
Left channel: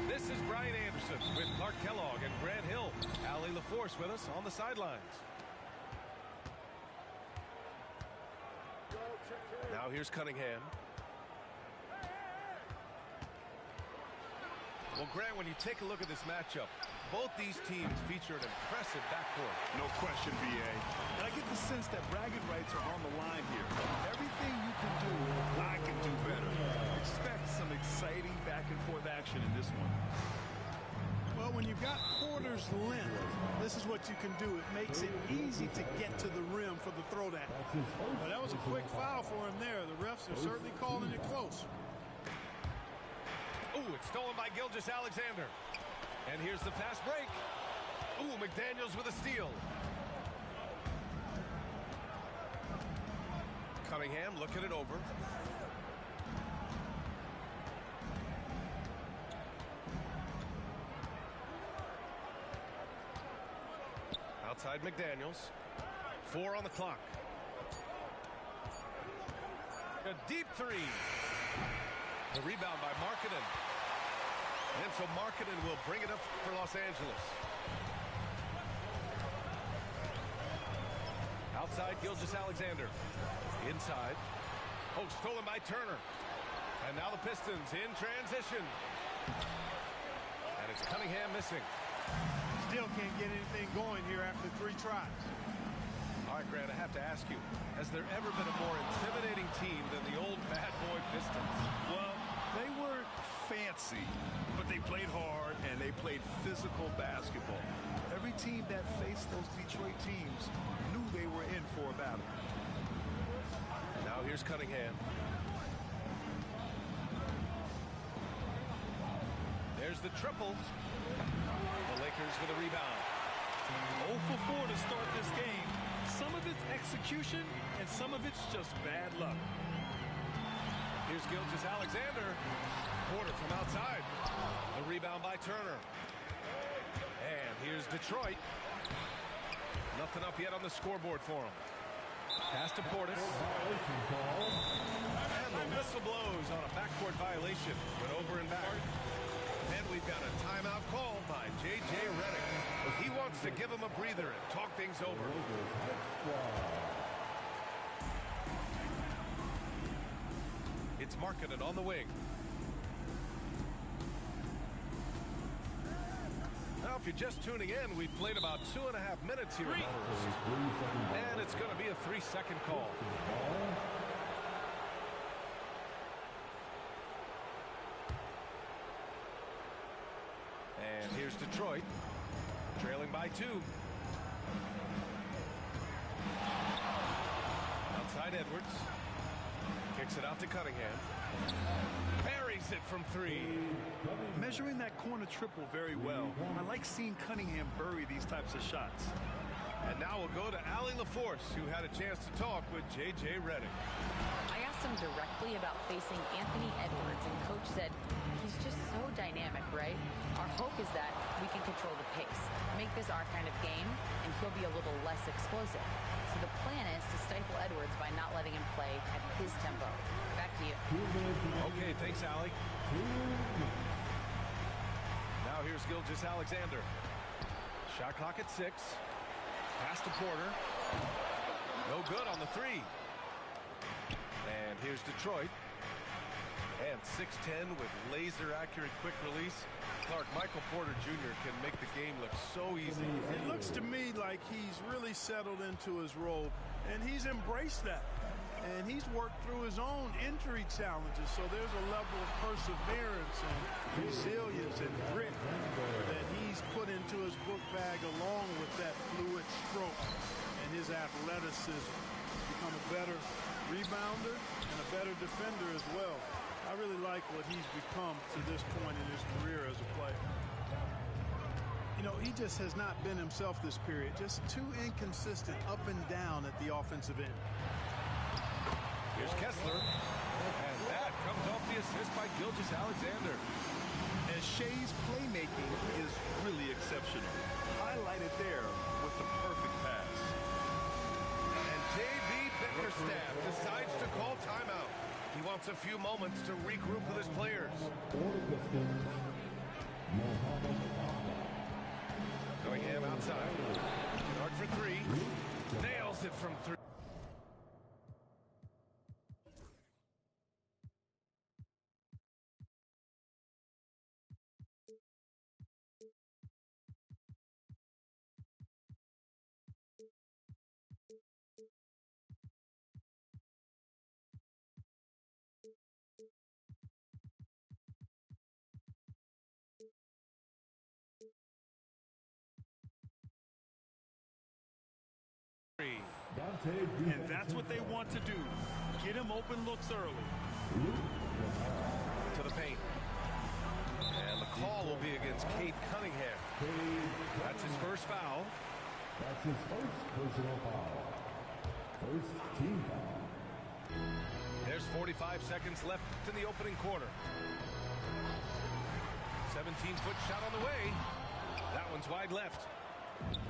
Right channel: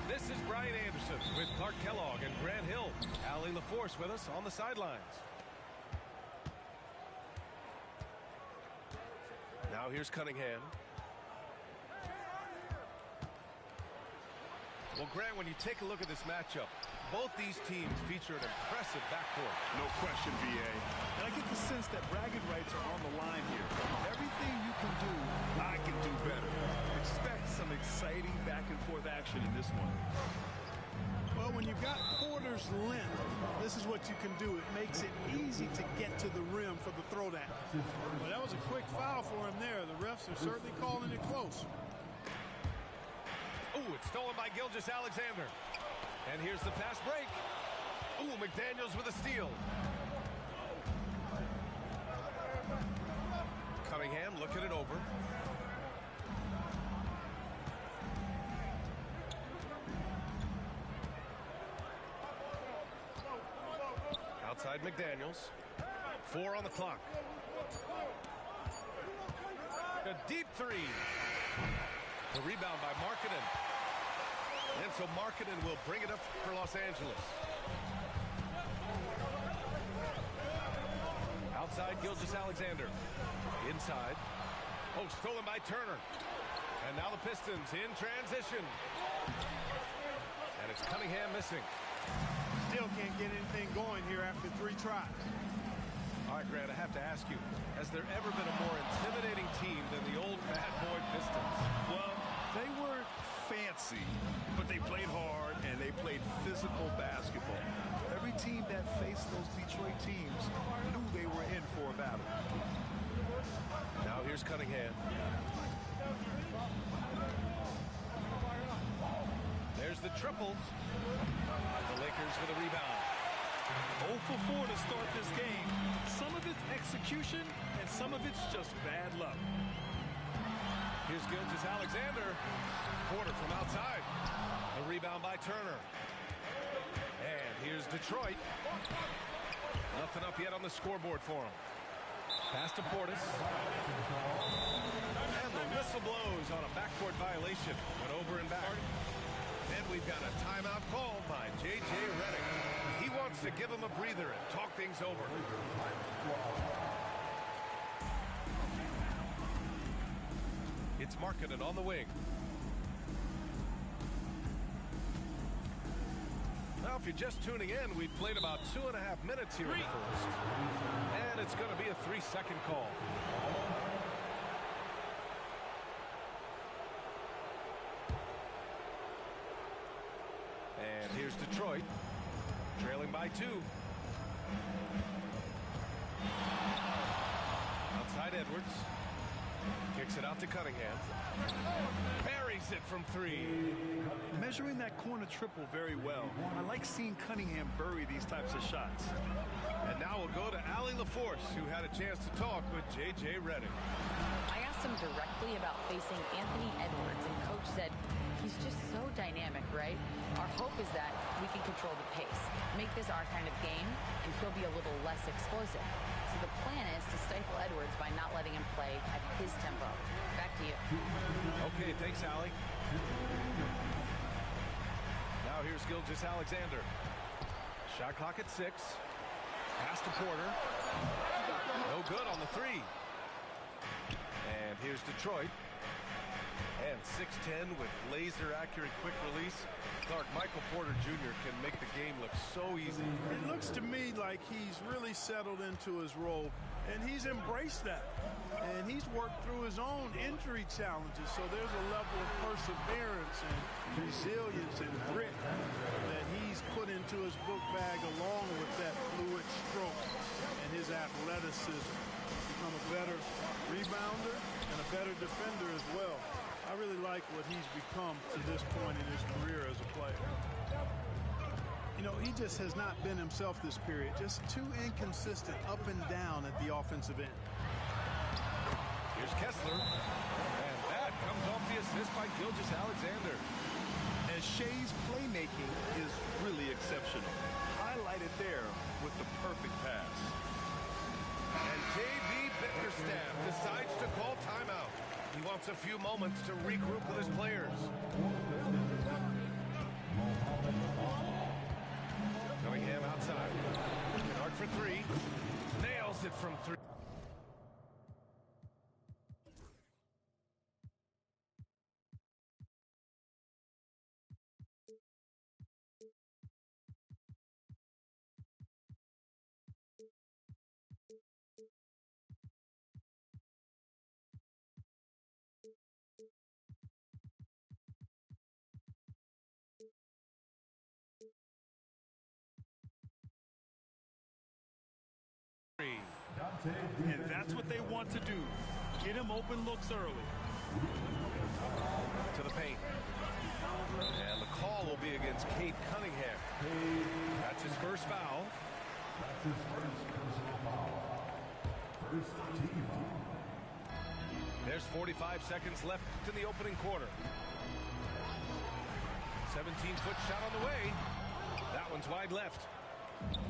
This is Brian Anderson with Clark Kellogg and Grant Hill. Allie LaForce with us on the sidelines. Now here's Cunningham. Well, Grant, when you take a look at this matchup, both these teams feature an impressive backcourt. No question, B.A. And I get the sense that bragging rights are on the line here. Everything you can do, I can do better. Expect some exciting back-and-forth action in this one. Well, when you've got Porter's length, this is what you can do. It makes it easy to get to the rim for the throwdown. Well, that was a quick foul for him there. The refs are certainly calling it close. Ooh, it's stolen by Gilgeous-Alexander. And here's the fast break. Ooh, McDaniels with a steal. Cunningham looking it over. outside McDaniels. 4 on the clock. A deep three. The rebound by Markkanen. And so Markkanen will bring it up for Los Angeles. Outside, Gilgeous-Alexander. Inside. Oh, stolen by Turner. And now the Pistons in transition. And it's Cunningham missing. Still can't get anything going here after 3 tries. All right, Grant, I have to ask you, has there ever been a more intimidating team than the old bad boy Pistons? Well, they weren't fancy, but they played hard and they played physical basketball. Every team that faced those Detroit teams knew they were in for a battle. Now here's Cunningham. There's the triple. The Lakers with a rebound. 0 for 4 to start this game. Some of it's execution and some of it's just bad luck. Here's Gilgeous-Alexander. Porter from outside. The rebound by Turner. And here's Detroit. Nothing up yet on the scoreboard for him. Pass to Portis. And the whistle blows on a backcourt violation. Went over and back. And we've got a timeout called by J.J. Redick. He wants to give him a breather and talk things over. It's Markkanen on the wing. Now, if you're just tuning in, we've played about 2.5 minutes here in the first. And it's going to be a 3-second call. And here's Detroit, trailing by 2. Outside Edwards. Kicks it out to Cunningham. Buries it from 3. Measuring that corner triple very well. I like seeing Cunningham bury these types of shots. And now we'll go to Allie LaForce, who had a chance to talk with J.J. Redick. I asked him directly about facing Anthony Edwards, and Coach said he's just so dynamic, right? Our hope is that we can control the pace, make this our kind of game, and he'll be a little less explosive. So the plan is to stifle Edwards by not letting him play at his tempo. Back to you. Okay, thanks, Allie. Now here's Gilgeous-Alexander. Shot clock at 6. Pass to Porter. No good on the 3. And here's Detroit. And 6'10" with laser-accurate quick release. Clark, Michael Porter Jr. can make the game look so easy. It looks to me like he's really settled into his role, and he's embraced that. And he's worked through his own injury challenges, so there's a level of perseverance and resilience and grit that he's put into his book bag along with that fluid stroke and his athleticism. He's become a better rebounder and a better defender as well. I really like what he's become to this point in his career as a player. You know, he just has not been himself this period. Just too inconsistent up and down at the offensive end. Here's Kessler. And that comes off the assist by Gilgeous-Alexander. And Shea's playmaking is really exceptional. Highlighted there with the perfect pass. And J.B. Bickerstaff decides to call timeout. He wants a few moments to regroup with his players. Cunningham outside. Kennard for 3. Nails it from 3. And that's what they want to do. Get him open looks early. To the paint. And the call will be against Cade Cunningham. That's his first foul. That's his first personal foul. First team foul. There's 45 seconds left in the opening quarter. 17-foot shot on the way. That one's wide left.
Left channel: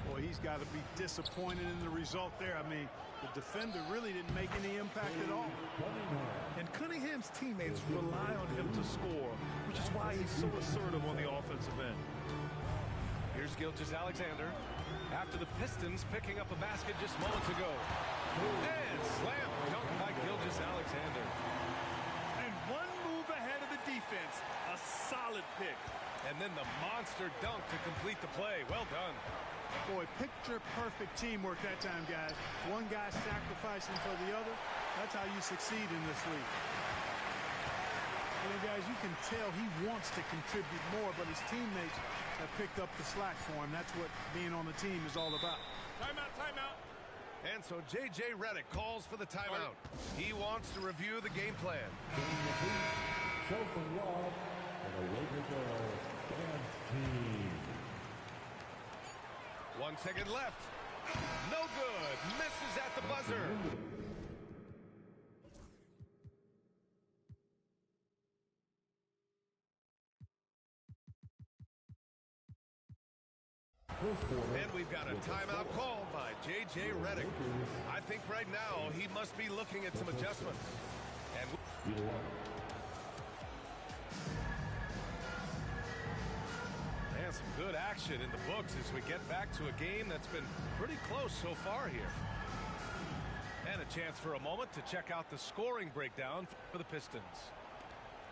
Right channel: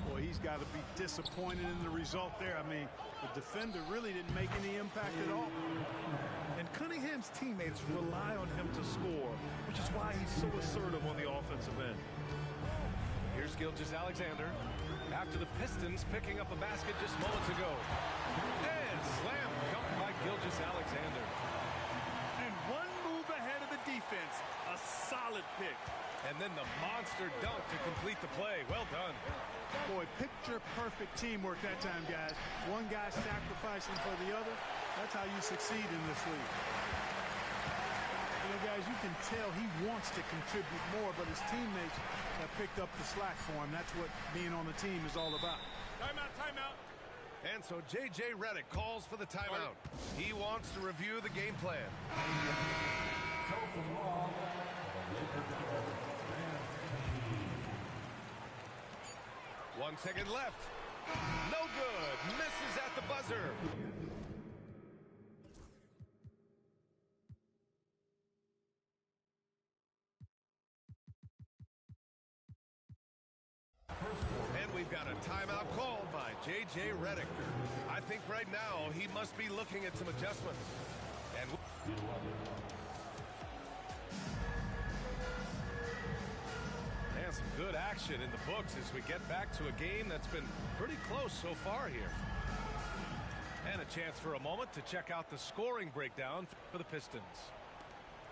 Boy, he's got to be disappointed in the result there. I mean, the defender really didn't make any impact at all. And Cunningham's teammates rely on him to score, which is why he's so assertive on the offensive end. Here's Gilgeous-Alexander after the Pistons picking up a basket just moments ago. And slam dunk by Gilgeous-Alexander. And one move ahead of the defense. A solid pick. And then the monster dunk to complete the play. Well done. Boy, picture-perfect teamwork that time, guys. One guy sacrificing for the other. That's how you succeed in this league. You know, guys, you can tell he wants to contribute more, but his teammates have picked up the slack for him. That's what being on the team is all about. Timeout, timeout. And so J.J. Redick calls for the timeout. He wants to review the game plan. Show some love for the Lakers dance team. 1 second left. No good. Misses at the buzzer. And we've got a timeout called by J.J. Redick. I think right now he must be looking at some adjustments. And some good action in the books as we get back to a game that's been pretty close so far here. And a chance for a moment to check out the scoring breakdown for the Pistons.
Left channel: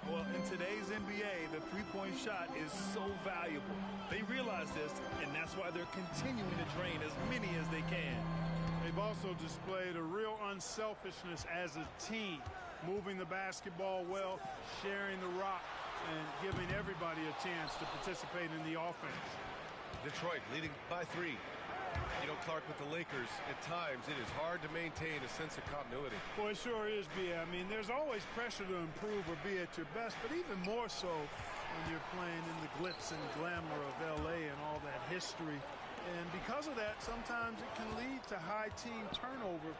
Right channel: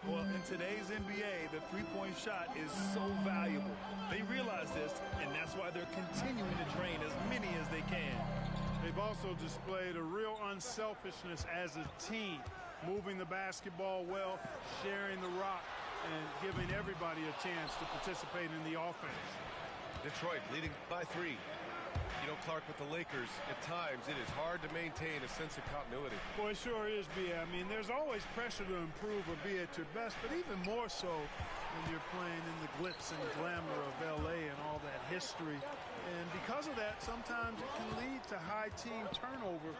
Well, in today's NBA, the three-point shot is so valuable. They realize this, and that's why they're continuing to drain as many as they can. They've also displayed a real unselfishness as a team, moving the basketball well, sharing the rock, and giving everybody a chance to participate in the offense. Detroit leading by 3. You know, Clark, with the Lakers, at times it is hard to maintain a sense of continuity. Boy, it sure is, B.A. I mean, there's always pressure to improve or be at your best, but even more so when you're playing in the glitz and glamour of L.A. and all that history. And because of that, sometimes it can lead to high team turnover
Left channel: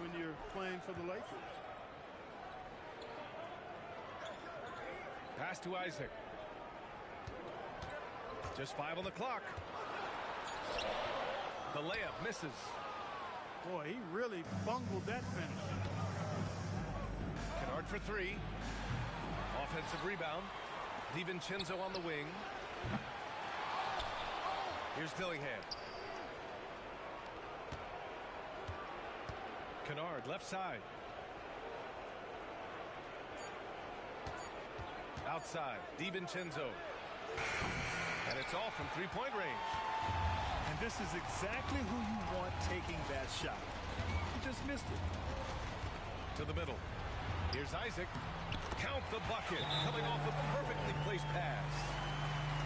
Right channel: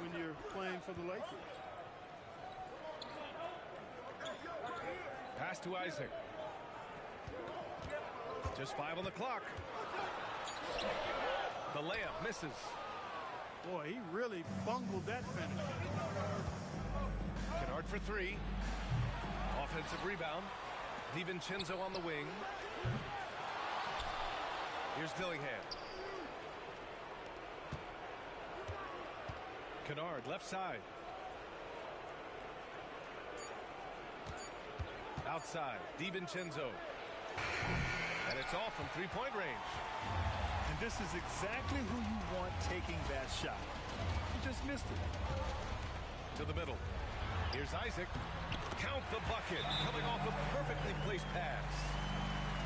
when you're playing for the Lakers. Pass to Isaac. Just 5 on the clock. The layup misses. Boy, he really bungled that finish. Kennard for 3. Offensive rebound. DiVincenzo on the wing. Here's Dillingham. Kennard left side. Outside, DiVincenzo. And it's off from three-point range. And this is exactly who you want taking that shot. He just missed it. To the middle. Here's Isaac. Count the bucket. Coming off a perfectly placed pass.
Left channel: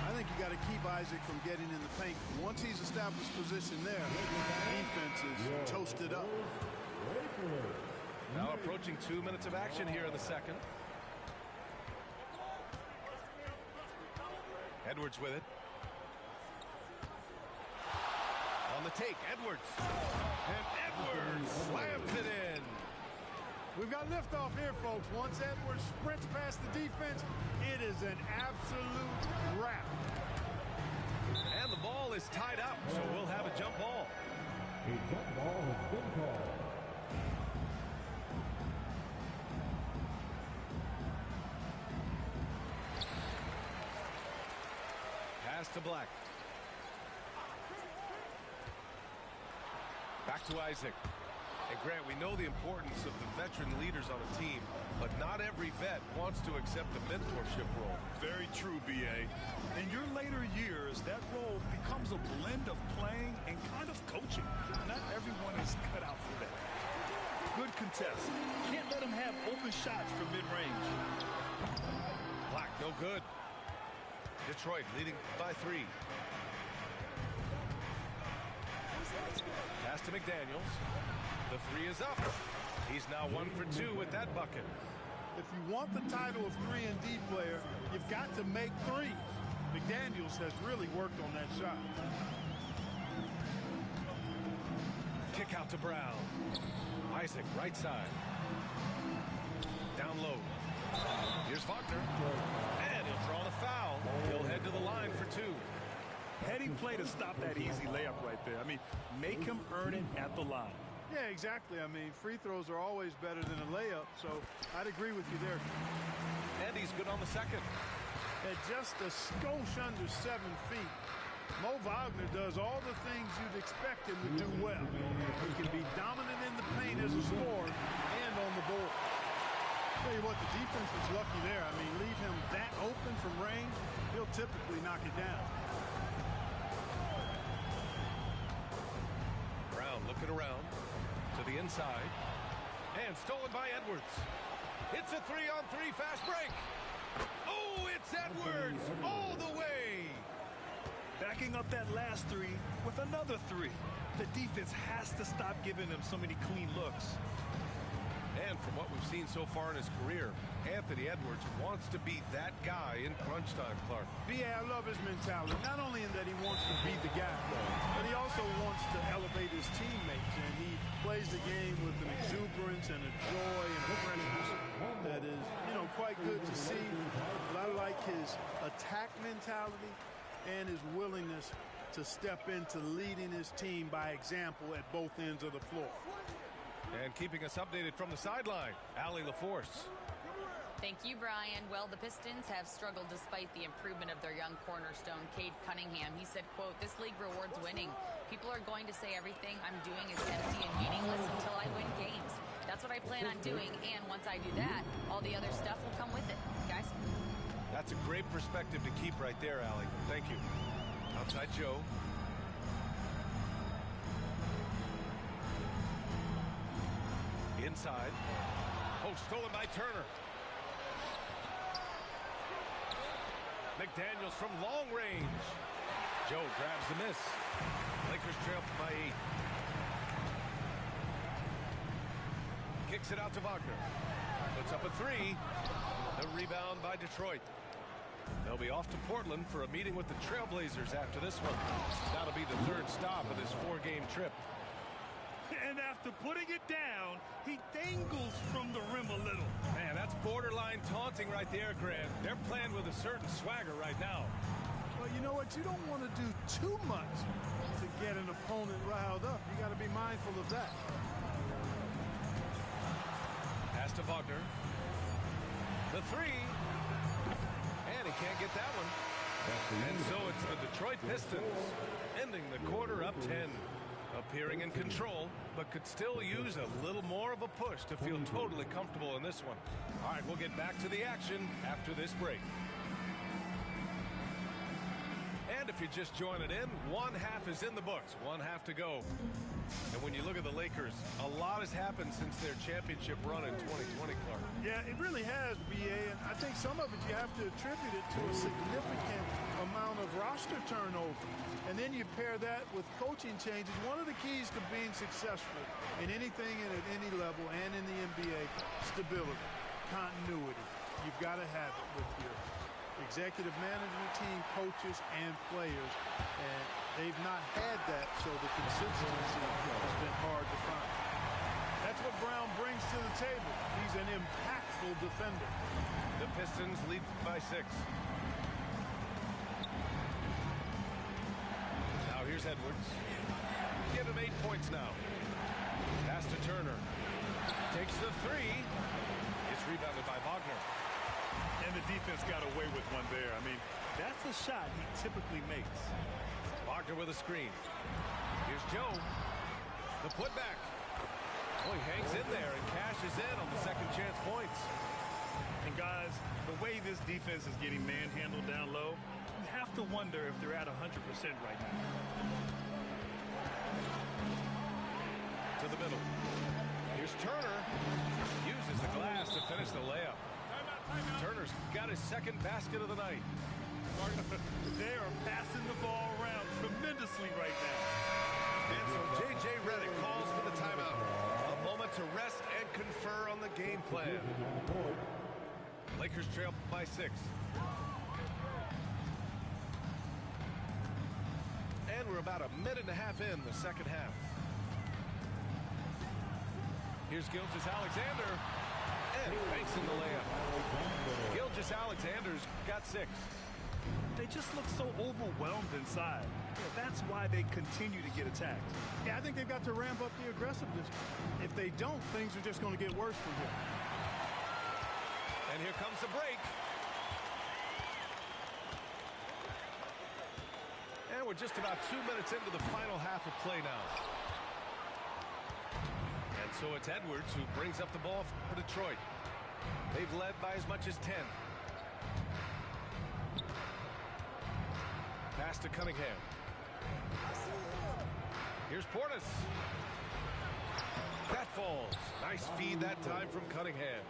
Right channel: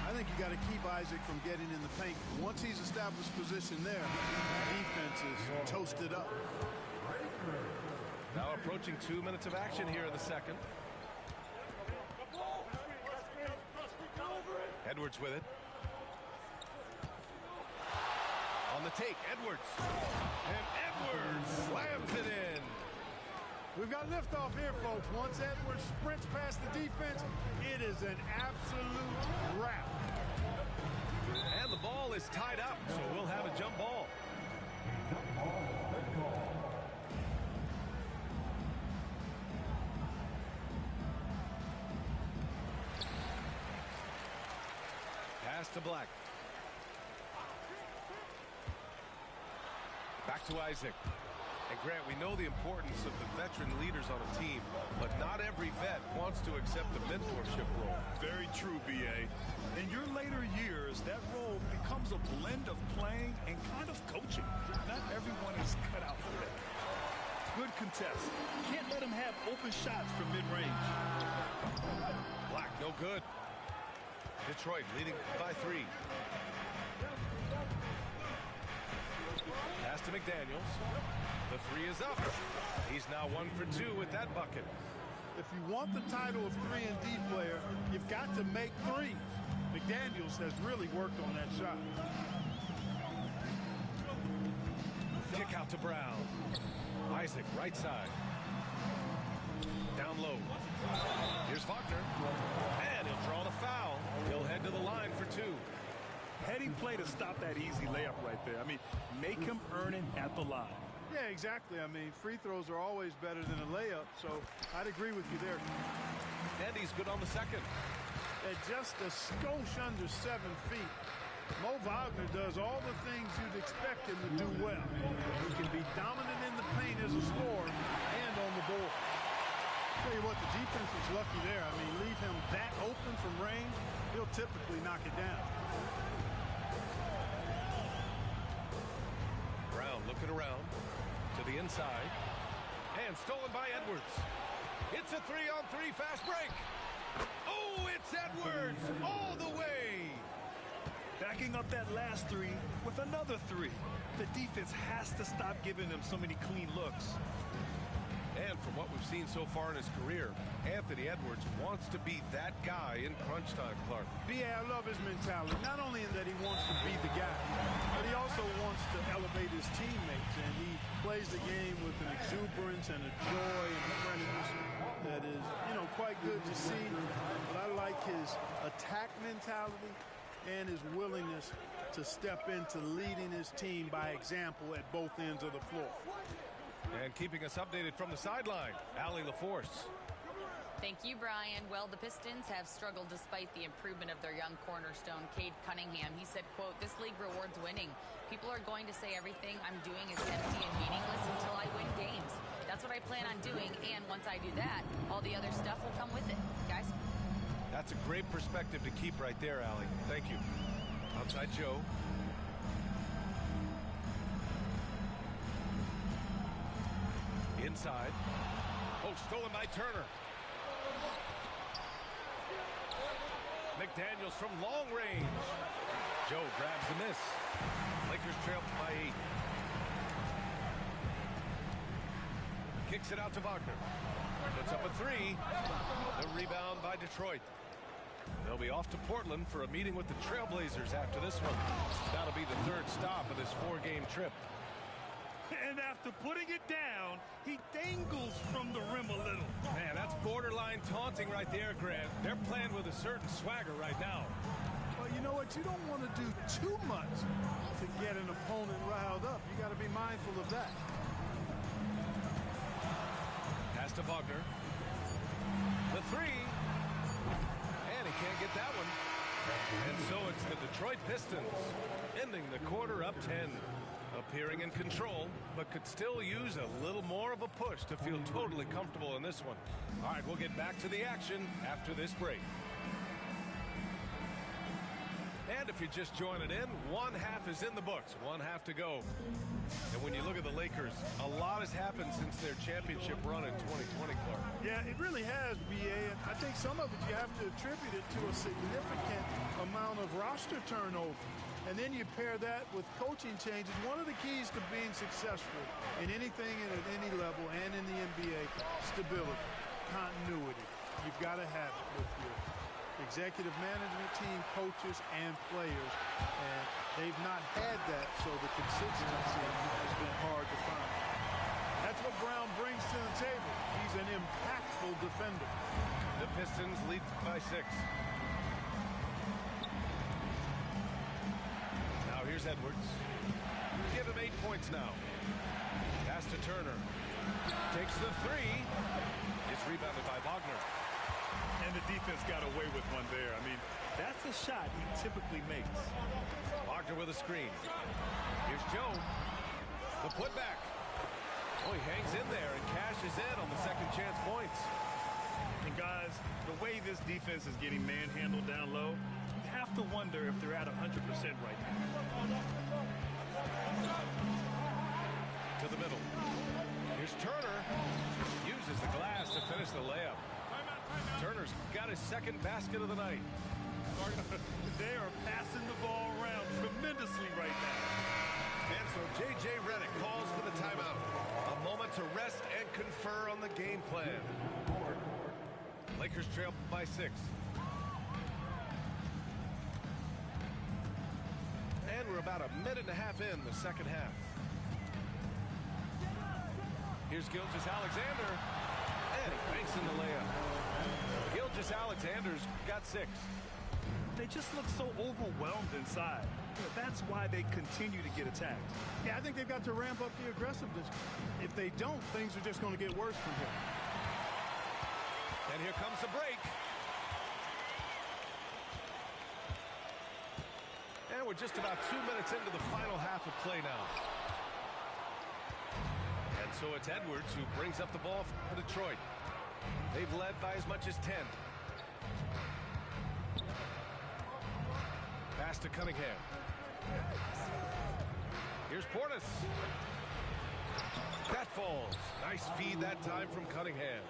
I think you got to keep Isaac from getting in the paint. Once he's established position there, defense is toasted up. Now approaching 2 minutes of action here in the second. Edwards with it. On the take, Edwards. And Edwards slams it in. We've got liftoff here, folks. Once Edwards sprints past the defense, it is an absolute wrap. And the ball is tied up, so we'll have a jump ball. A jump ball has been called. Pass to Black. Back to Isaac. And Grant, we know the importance of the veteran leaders on a team, but not every vet wants to accept a mentorship role. Very true, B.A. In your later years, that role becomes a blend of playing and kind of coaching. Not everyone is cut out for that. Good contest. Can't let him have open shots from mid-range. Black, no good. Detroit leading by 3. Pass to McDaniels. The 3 is up. He's now 1 for 2 with that bucket. If you want the title of 3-and-D player, you've got to make threes. McDaniels has really worked on that shot. Kick out to Brown. Isaac, right side. Down low. Here's Wagner. And he'll draw the foul. He'll head to the line for 2. Heady play to stop that easy layup right there. I mean, make him earn it at the line. Yeah, exactly. I mean, free throws are always better than a layup, so I'd agree with you there. And he's good on the second. At just a skosh under 7 feet, Mo Wagner does all the things you'd expect him to do well. He can be dominant in the paint as a scorer and on the board. Tell you what, the defense was lucky there. I mean, leave him that open from range, he'll typically knock it down. Brown looking around to the inside. And stolen by Edwards. It's a 3-on-3 fast break. Oh, it's Edwards all the way. Backing up that last three with another three. The defense has to stop giving him so many clean looks. And from what we've seen so far in his career, Anthony Edwards wants to be that guy in crunch time, Clark. Yeah, I love his mentality. Not only in that he wants to be the guy, but he also wants to elevate his teammates. And he plays the game with an exuberance and a joy and a freshness that is, you know, quite good to see. But I like his attack mentality and his willingness to step into leading his team by example at both ends of the floor. And keeping us updated from the sideline, Allie LaForce. Thank you, Brian. Well, the Pistons have struggled despite the improvement of their young cornerstone, Cade Cunningham. He said, quote, "This league rewards winning. People are going to say everything I'm doing is empty and meaningless until I win games. That's what I plan on doing, and once I do that, all the other stuff will come with it." Guys? That's a great perspective to keep right there, Allie. Thank you. Outside Joe. Inside. Oh, stolen by Turner. McDaniels from long range. Joe grabs the miss. Lakers trail by 8. Kicks it out to Wagner. Puts up a 3. The rebound by Detroit. They'll be off to Portland for a meeting with the Trailblazers after this one. That'll be the 3rd stop of this 4-game trip. And after putting it down, he dangles from the rim a little. Man, that's borderline taunting right there, Grant. They're playing with a certain swagger right now. Well, you know what? You don't want to do too much to get an opponent riled up. You got to be mindful of that. Pass to Wagner. The 3. And he can't get that one. And so it's the Detroit Pistons ending the quarter up 10. Appearing in control, but could still use a little more of a push to feel totally comfortable in this one. All right, we'll get back to the action after this break. And if you're just joining in, 1 half is in the books, 1 half to go. And when you look at the Lakers, a lot has happened since their championship run in 2020, Clark. Yeah, it really has, B.A., and I think some of it you have to attribute it to a significant amount of roster turnover. And then you pair that with coaching changes. One of the keys to being successful in anything and at any level and in the NBA, stability, continuity. You've got to have it with your executive management team, coaches, and players. And they've not had that, so the consistency has been hard to find. That's what Brown brings to the table. He's an impactful defender. The Pistons lead by 6. Now here's Edwards. Give him 8 points now. Pass to Turner. Takes the 3. It's rebounded by Wagner. And the defense got away with one there. I mean, that's a shot he typically makes. Wagner with a screen. Here's Joe. The putback. Oh, he hangs in there and cashes in on the second chance points. And guys, the way this defense is getting manhandled down low, you have to wonder if they're at 100% right now. To the middle. Here's Turner. Uses the glass to finish the layup. Timeout. Turner's got his second basket of the night. They are passing the ball around tremendously right now. And so J.J. Redick calls for the timeout. A moment to rest and confer on the game plan. Lakers trail by 6. And we're about a minute and a half in the second half. Here's Gilgeous-Alexander. And he banks in the layup. Gilgeous-Alexander's got 6. they just look so overwhelmed inside. You know, that's why they continue to get attacked. Yeah, I think they've got to ramp up the aggressiveness. If they don't, things are just going to get worse from here. And here comes the break. And we're just about 2 minutes into the final half of play now. And so it's Edwards who brings up the ball for Detroit. They've led by as much as 10. Pass to Cunningham. Here's Portis. That falls. Nice feed that time from Cunningham.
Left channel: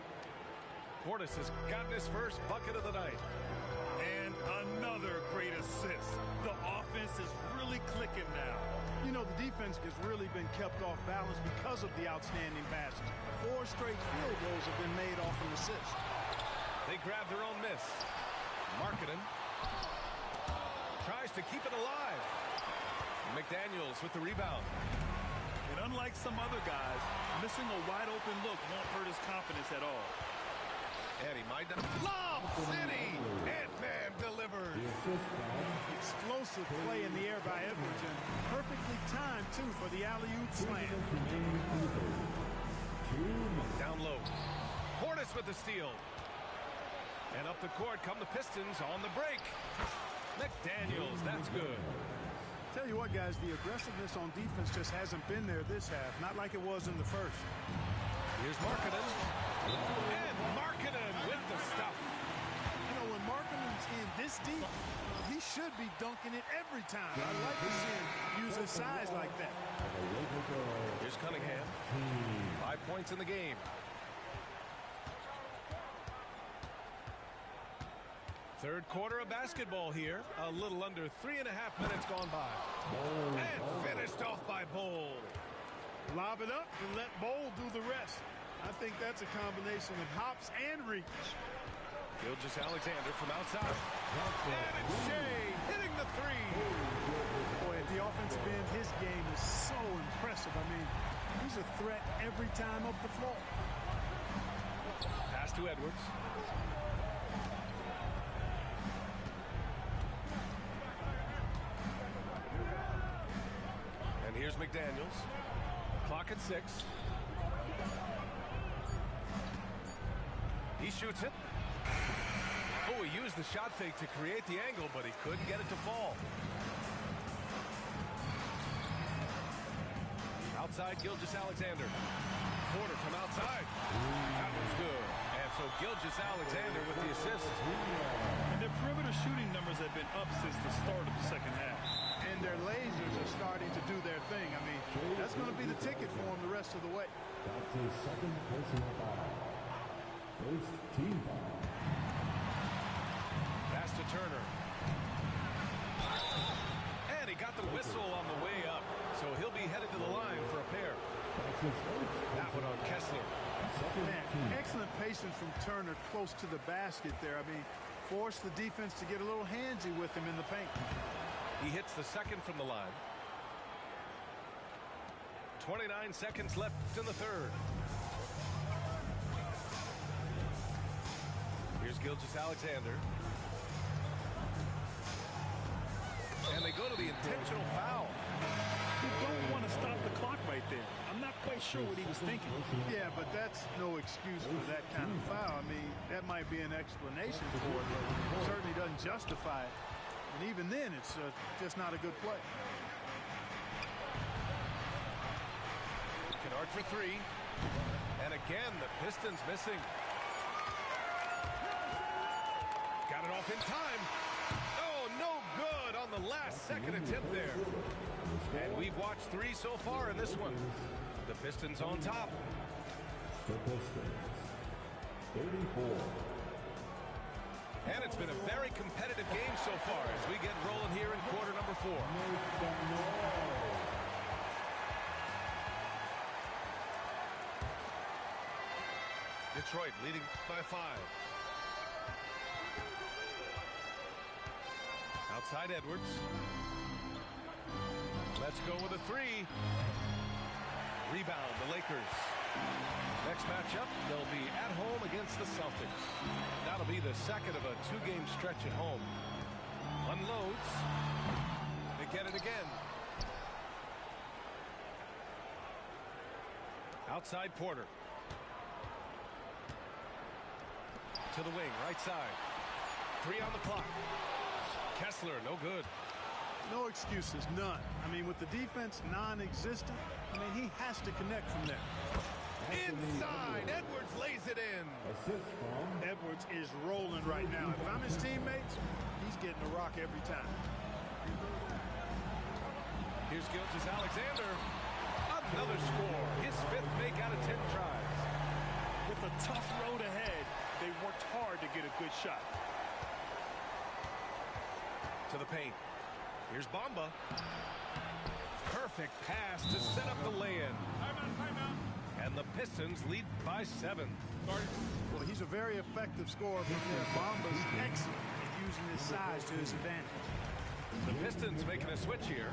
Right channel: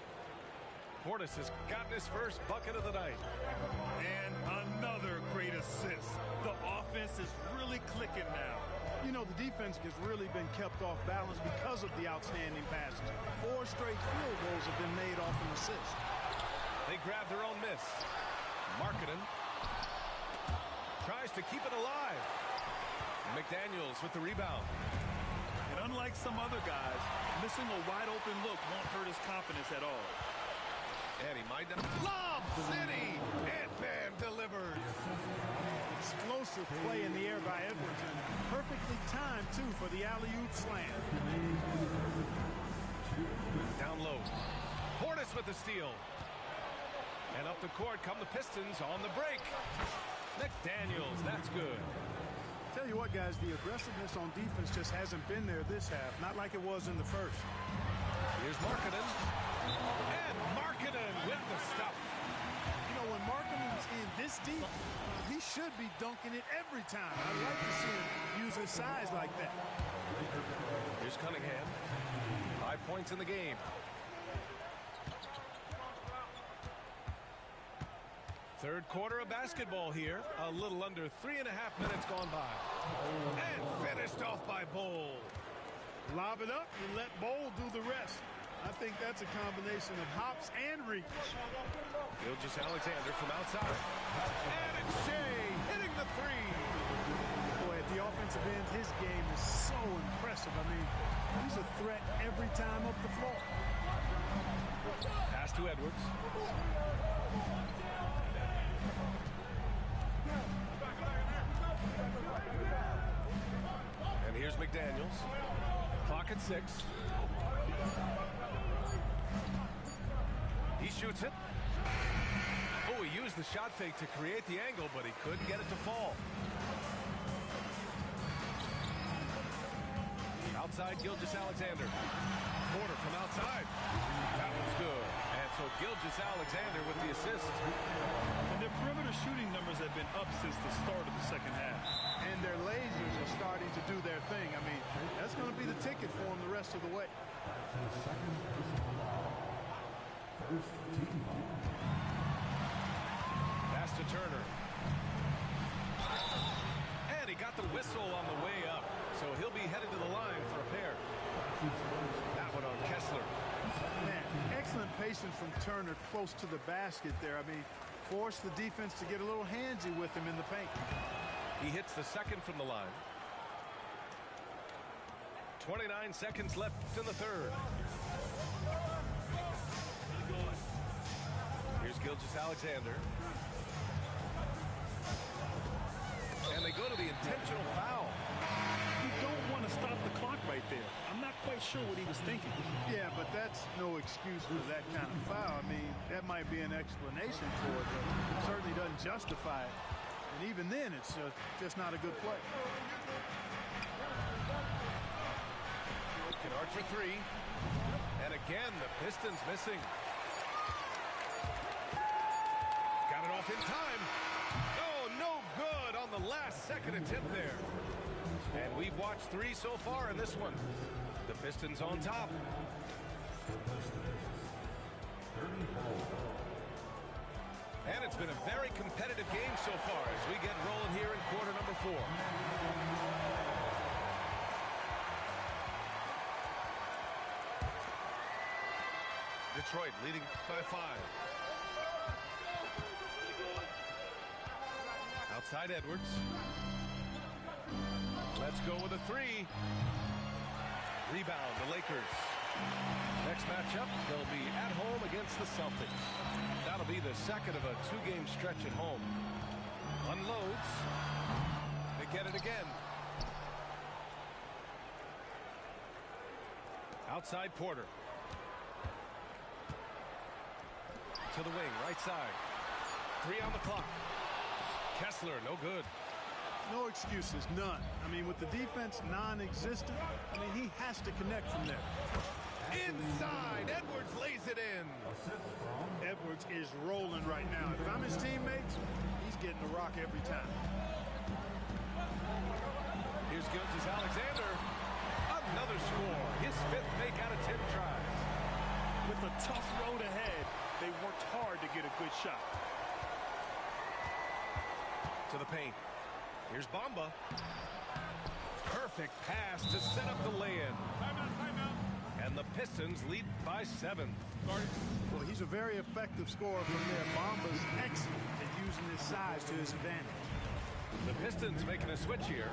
Portis has gotten his first bucket of the night. And another great assist. The offense is really clicking now. You know, the defense has really been kept off balance because of the outstanding passes. 4 straight field goals have been made off an assist. They grab their own miss. Markkanen tries to keep it alive. McDaniels with the rebound. And unlike some other guys, missing a wide open look won't hurt his confidence at all. And he might not. Lob City! Ant-Man delivers. Explosive play in the air by Edwards, and perfectly timed, too, for the alley-oop slam. Down low. Portis with the steal. And up the court come the Pistons on the break. McDaniels, that's good. Tell you what, guys, the aggressiveness on defense just hasn't been there this half, not like it was in the first. Here's Markkanen. And Markkanen with the stuff. You know, when Markkanen's in this deep, he should be dunking it every time. I'd like to see him use his size like that. Here's Cunningham. 5 points in the game. Third quarter of basketball here. A little under 3.5 minutes gone by. And finished off by Bol. Lob it up and let Bol do the rest. I think that's a combination of hops and reach. Gilgeous-Alexander from outside. And it's Shea hitting the three. Boy, at the offensive end, his game is so impressive. I mean, he's a threat every time up the floor. Pass to Edwards. And here's McDaniels. Clock at 6. He shoots it. Oh, he used the shot fake to create the angle, but he couldn't get it to fall. Outside, Gilgeous-Alexander. Porter from outside. That one's good. And so Gilgeous-Alexander with the assist. And their perimeter shooting numbers have been up since the start of the second half. And their lasers are starting to do their thing. I mean, that's going to be the ticket for them the rest of the way. That's his second personal foul. First team foul. Pass to Turner. And he got the whistle on the way up. So he'll be headed to the line for a pair. That one on Kessler. Man, excellent patience from Turner close to the basket there. I mean, forced the defense to get a little handsy with him in the paint. He hits the second from the line. 29 seconds left in the third. Here's Gilgeous-Alexander. And they go to the intentional foul. You don't want to stop the clock right there. I'm not quite sure what he was thinking. Yeah, but that's no excuse for that kind of foul. I mean, that might be an explanation for it, but certainly doesn't justify it. And even then, it's just not a good play. Kennard for three. And again, the Pistons missing. Got it off in time. Oh, no good on the last second attempt there. And we've watched 3 so far in this one. The Pistons on top. The Pistons. 34. And it's been a very competitive game so far as we get rolling here in quarter number 4. Detroit leading by 5. Outside Edwards. Let's go with a 3. Rebound, the Lakers. Next matchup, they'll be at home against the Celtics. That'll be the second of a 2-game stretch at home. Unloads. They get it again. Outside Porter. To the wing, right side. 3 on the clock. Kessler, no good. No excuses, none. I mean, with the defense non-existent, I mean, he has to connect from there. Inside, Edwards lays it in. Edwards is rolling right now. If I'm his teammates, he's getting a rock every time. Here's Gilgeous-Alexander. Another score. His 5th make out of 10 tries. With a tough road ahead, they worked hard to get a good shot. To the paint. Here's Bamba. Perfect pass to set up the lay-in. Timeout. And the Pistons lead by 7. Well, he's a very effective scorer from there. Bamba's excellent at using his size to his advantage. The Pistons making a switch here.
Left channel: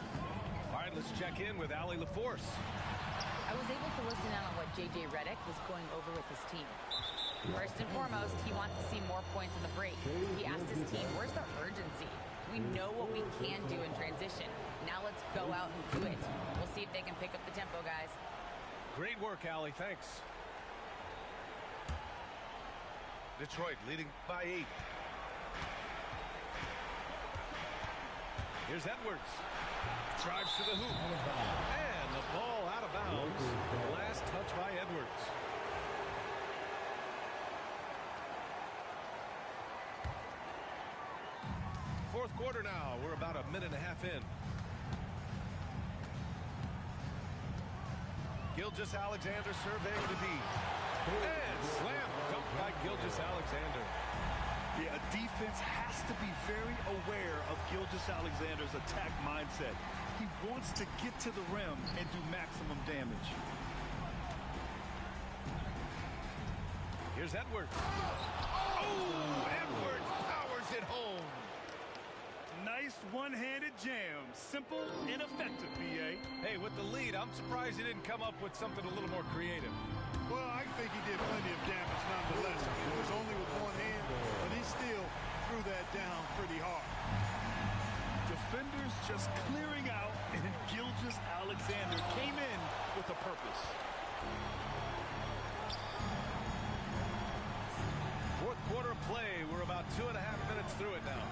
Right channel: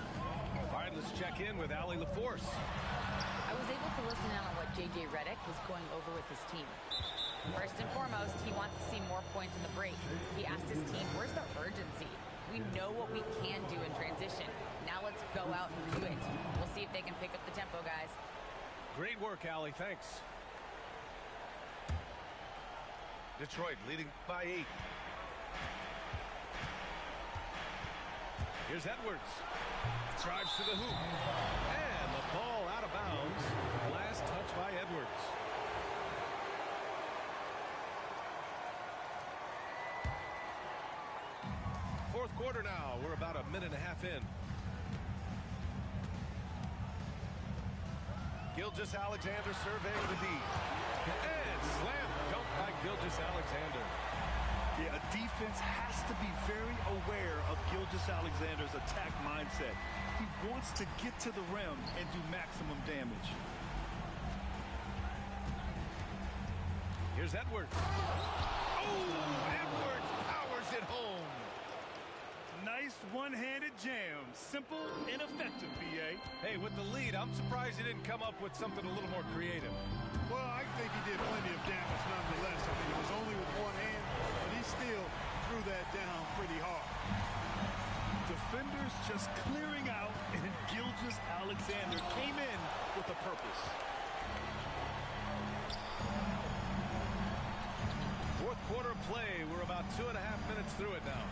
All right, let's check in with Allie LaForce. I was able to listen in on what J.J. Redick was going over with his team. First and foremost, he wants to see more points in the break. He asked his team, where's the urgency? We know what we can do in transition. Now let's go out and do it. We'll see if they can pick up the tempo, guys. Great work, Allie. Thanks. Detroit leading by 8. Here's Edwards. Drives to the hoop. And the ball out of bounds. Last touch by Edwards. Fourth quarter now. We're about a minute and a half in. Gilgeous-Alexander surveying the D. And slam dunk by Gilgeous-Alexander. Yeah, a defense has to be very aware of Gilgeous-Alexander's attack mindset. He wants to get to the rim and do maximum damage. Here's Edwards. Oh, Edwards powers it home. Nice one-handed jam. Simple and effective, B.A. Hey, with the lead, I'm surprised he didn't come up with something a little more creative. Well, I think he did plenty of damage nonetheless. I mean, it was only with one hand, but he still threw that down pretty hard. Defenders just clearing out, and Gilgeous-Alexander came in with a purpose. Fourth quarter of play. We're about 2.5 minutes through it now.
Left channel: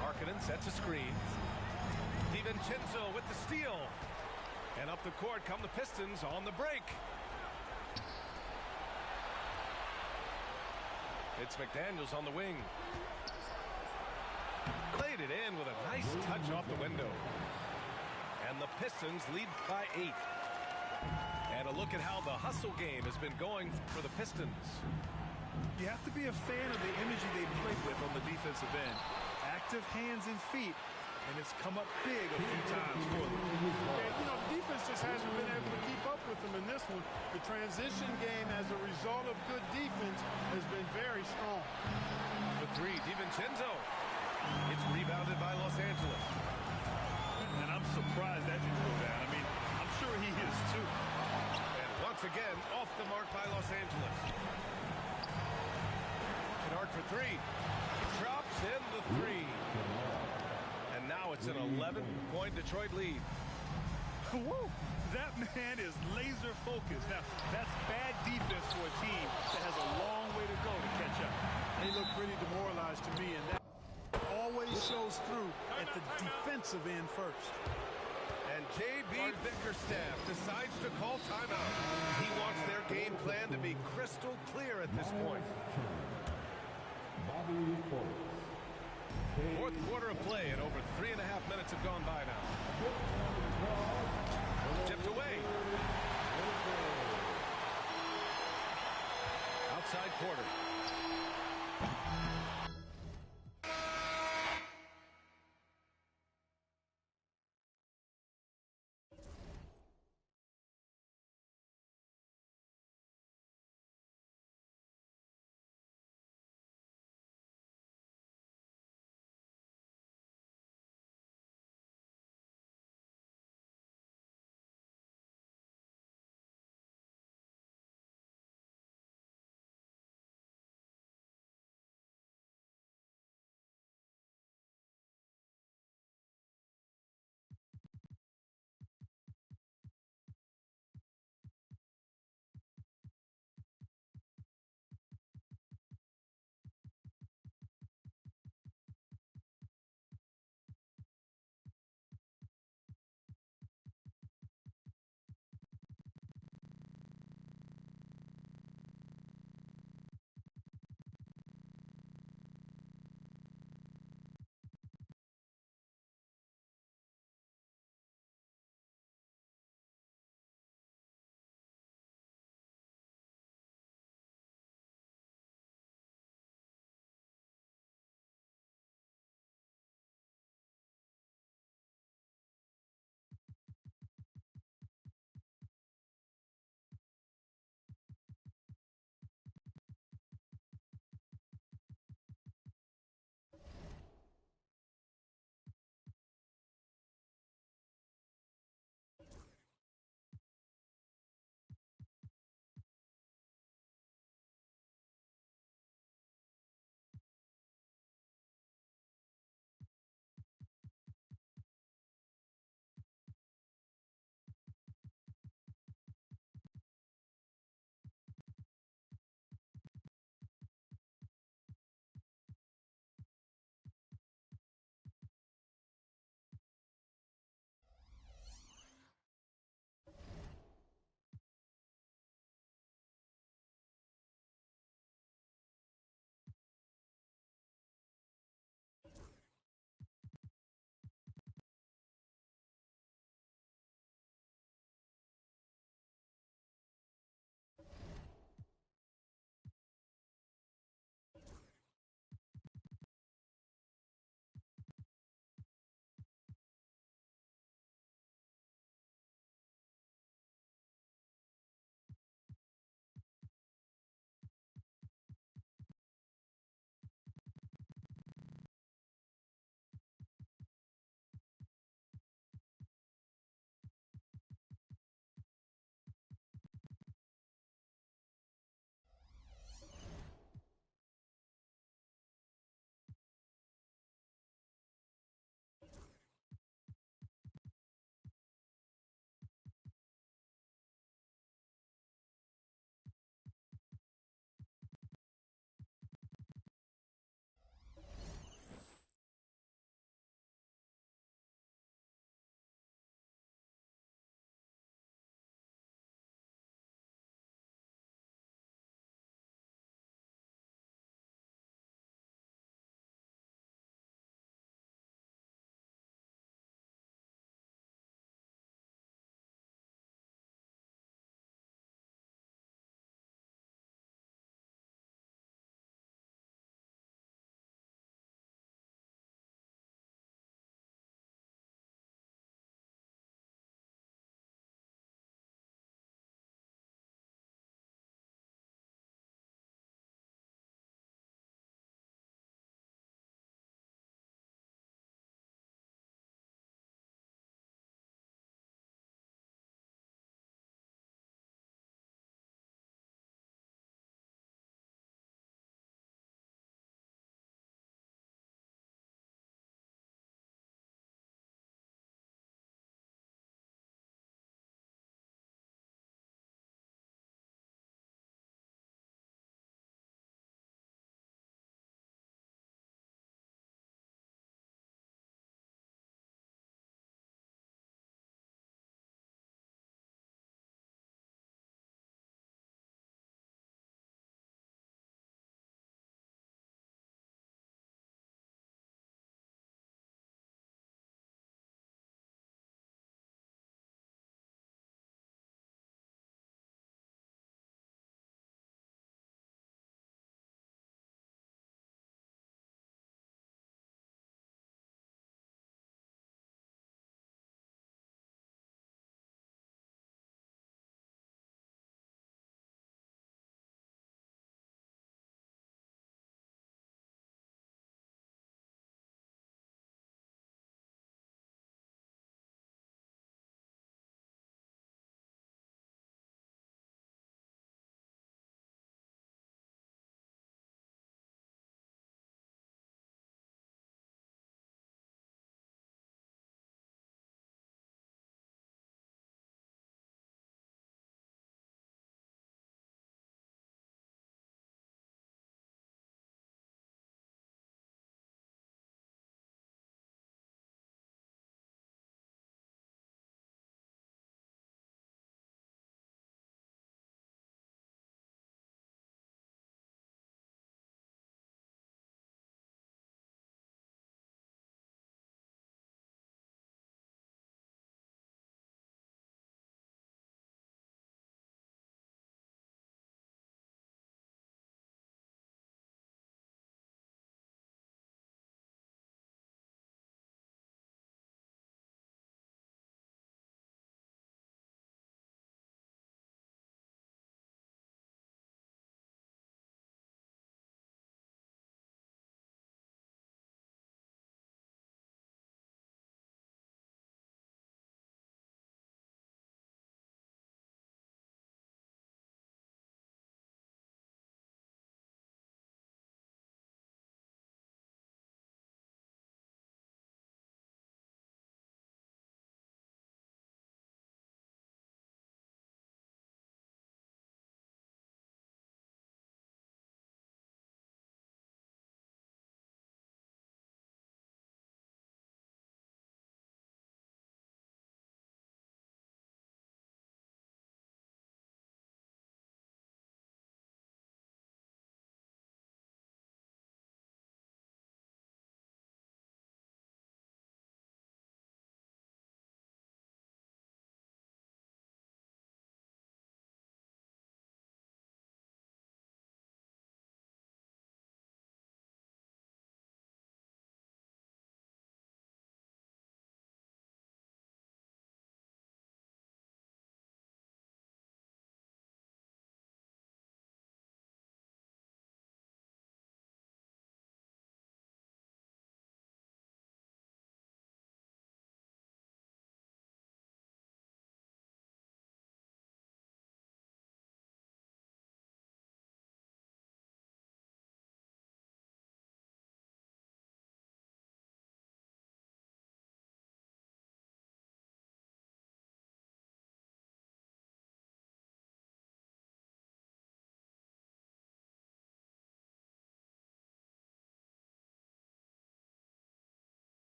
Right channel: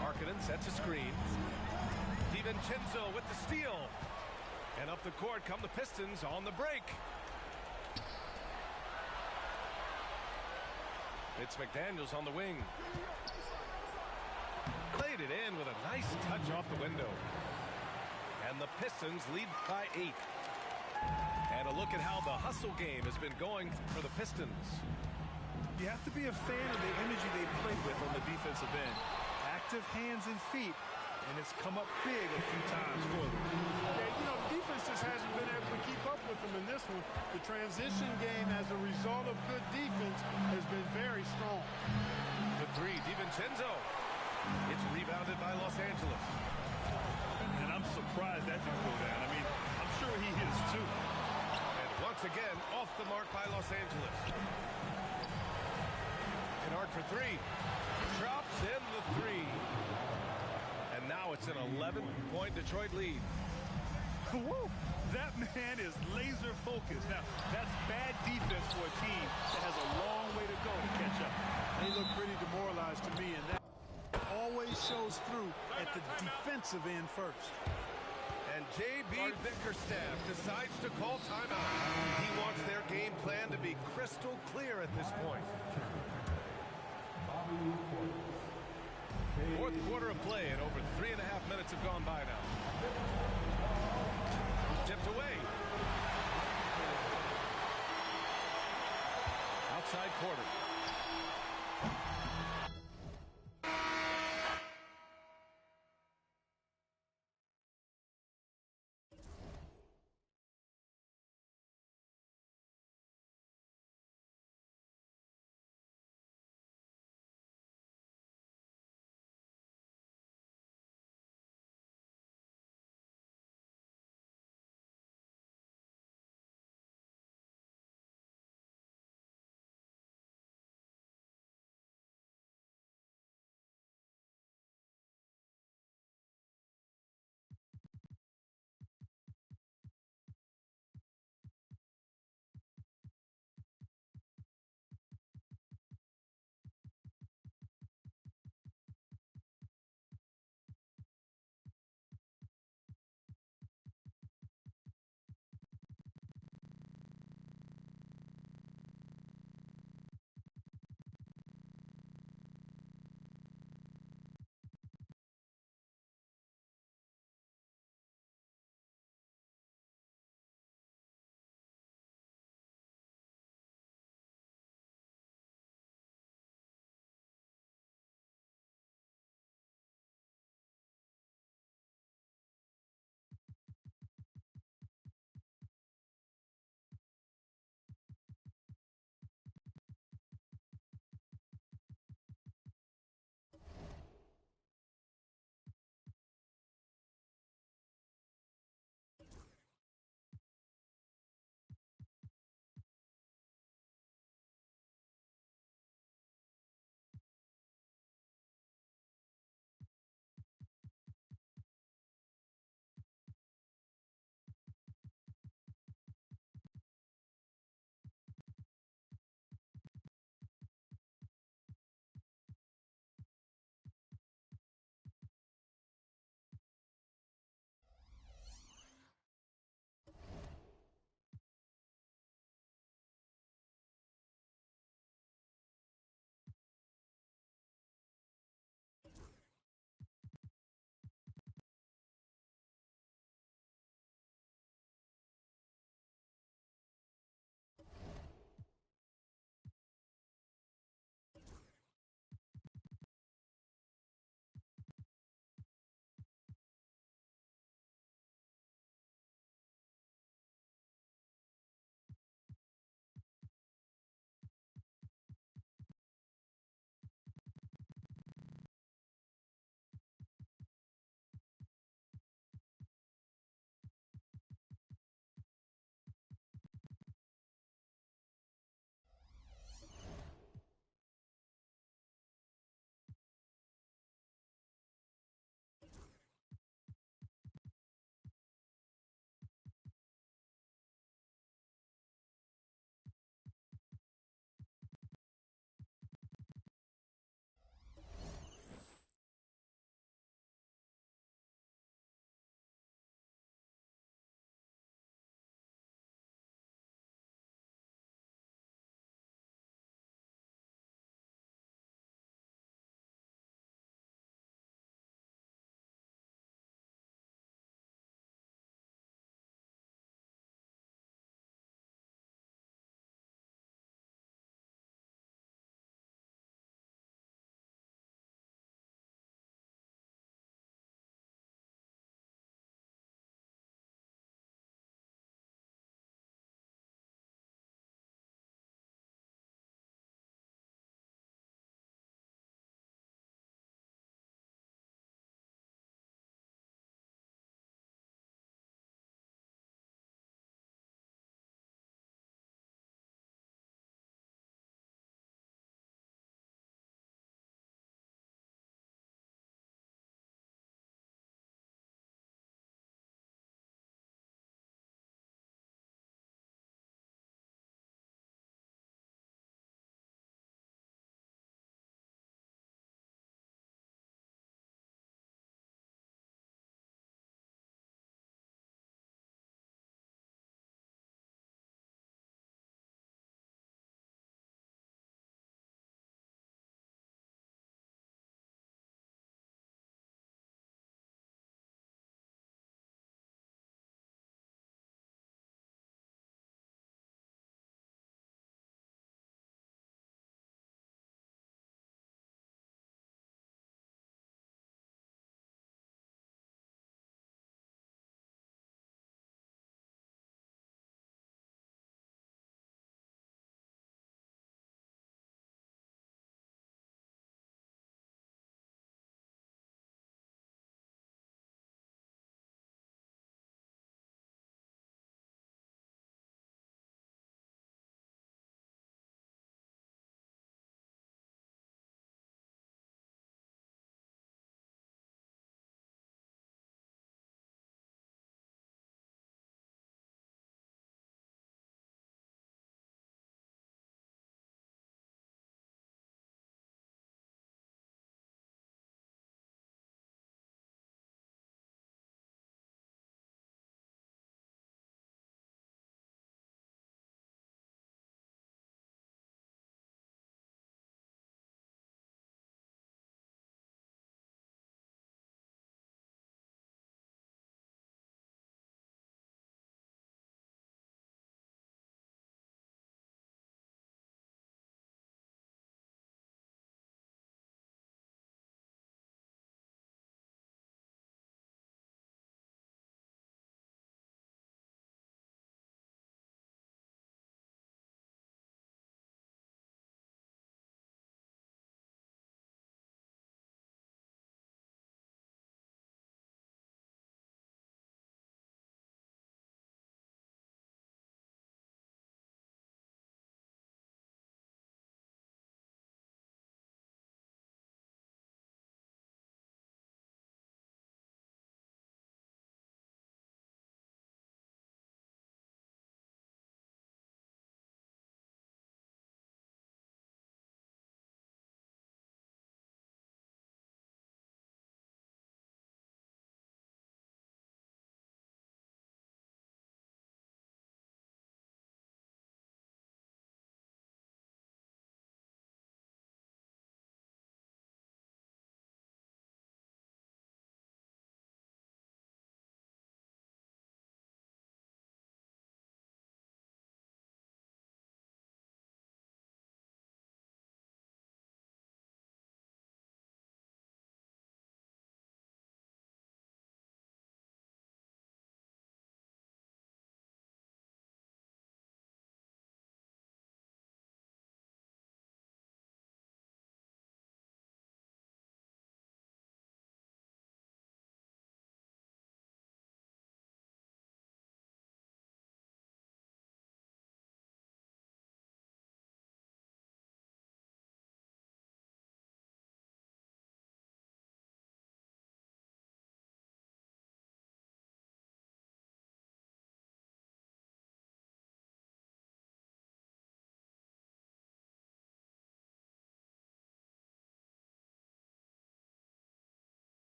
Markkanen sets a screen. DiVincenzo with the steal. And up the court come the Pistons on the break. It's McDaniels on the wing. Played it in with a nice touch off the window. And the Pistons lead by 8. And a look at how the hustle game has been going for the Pistons. You have to be a fan of the energy they played with on the defensive end. Active hands and feet, and it's come up big a few times for them. Yeah, you know, the defense just hasn't been able to keep up with them in this one. The transition game as a result of good defense has been very strong. The 3, DiVincenzo. It's rebounded by Los Angeles. And I'm surprised that didn't go down. I mean, I'm sure he is too. And once again, off the mark by Los Angeles. Kennard for 3. Drops in the 3. And now it's an 11-point Detroit lead. Woo! That man is laser focused. Now, that's bad defense for a team that has a long way to go to catch up. They look pretty demoralized to me, and that always shows through at the defensive end first. And J.B. Bickerstaff decides to call timeout. He wants their game plan to be crystal clear at this point. Fourth quarter of play, and over 3.5 minutes have gone by now. Tipped away. Outside Porter.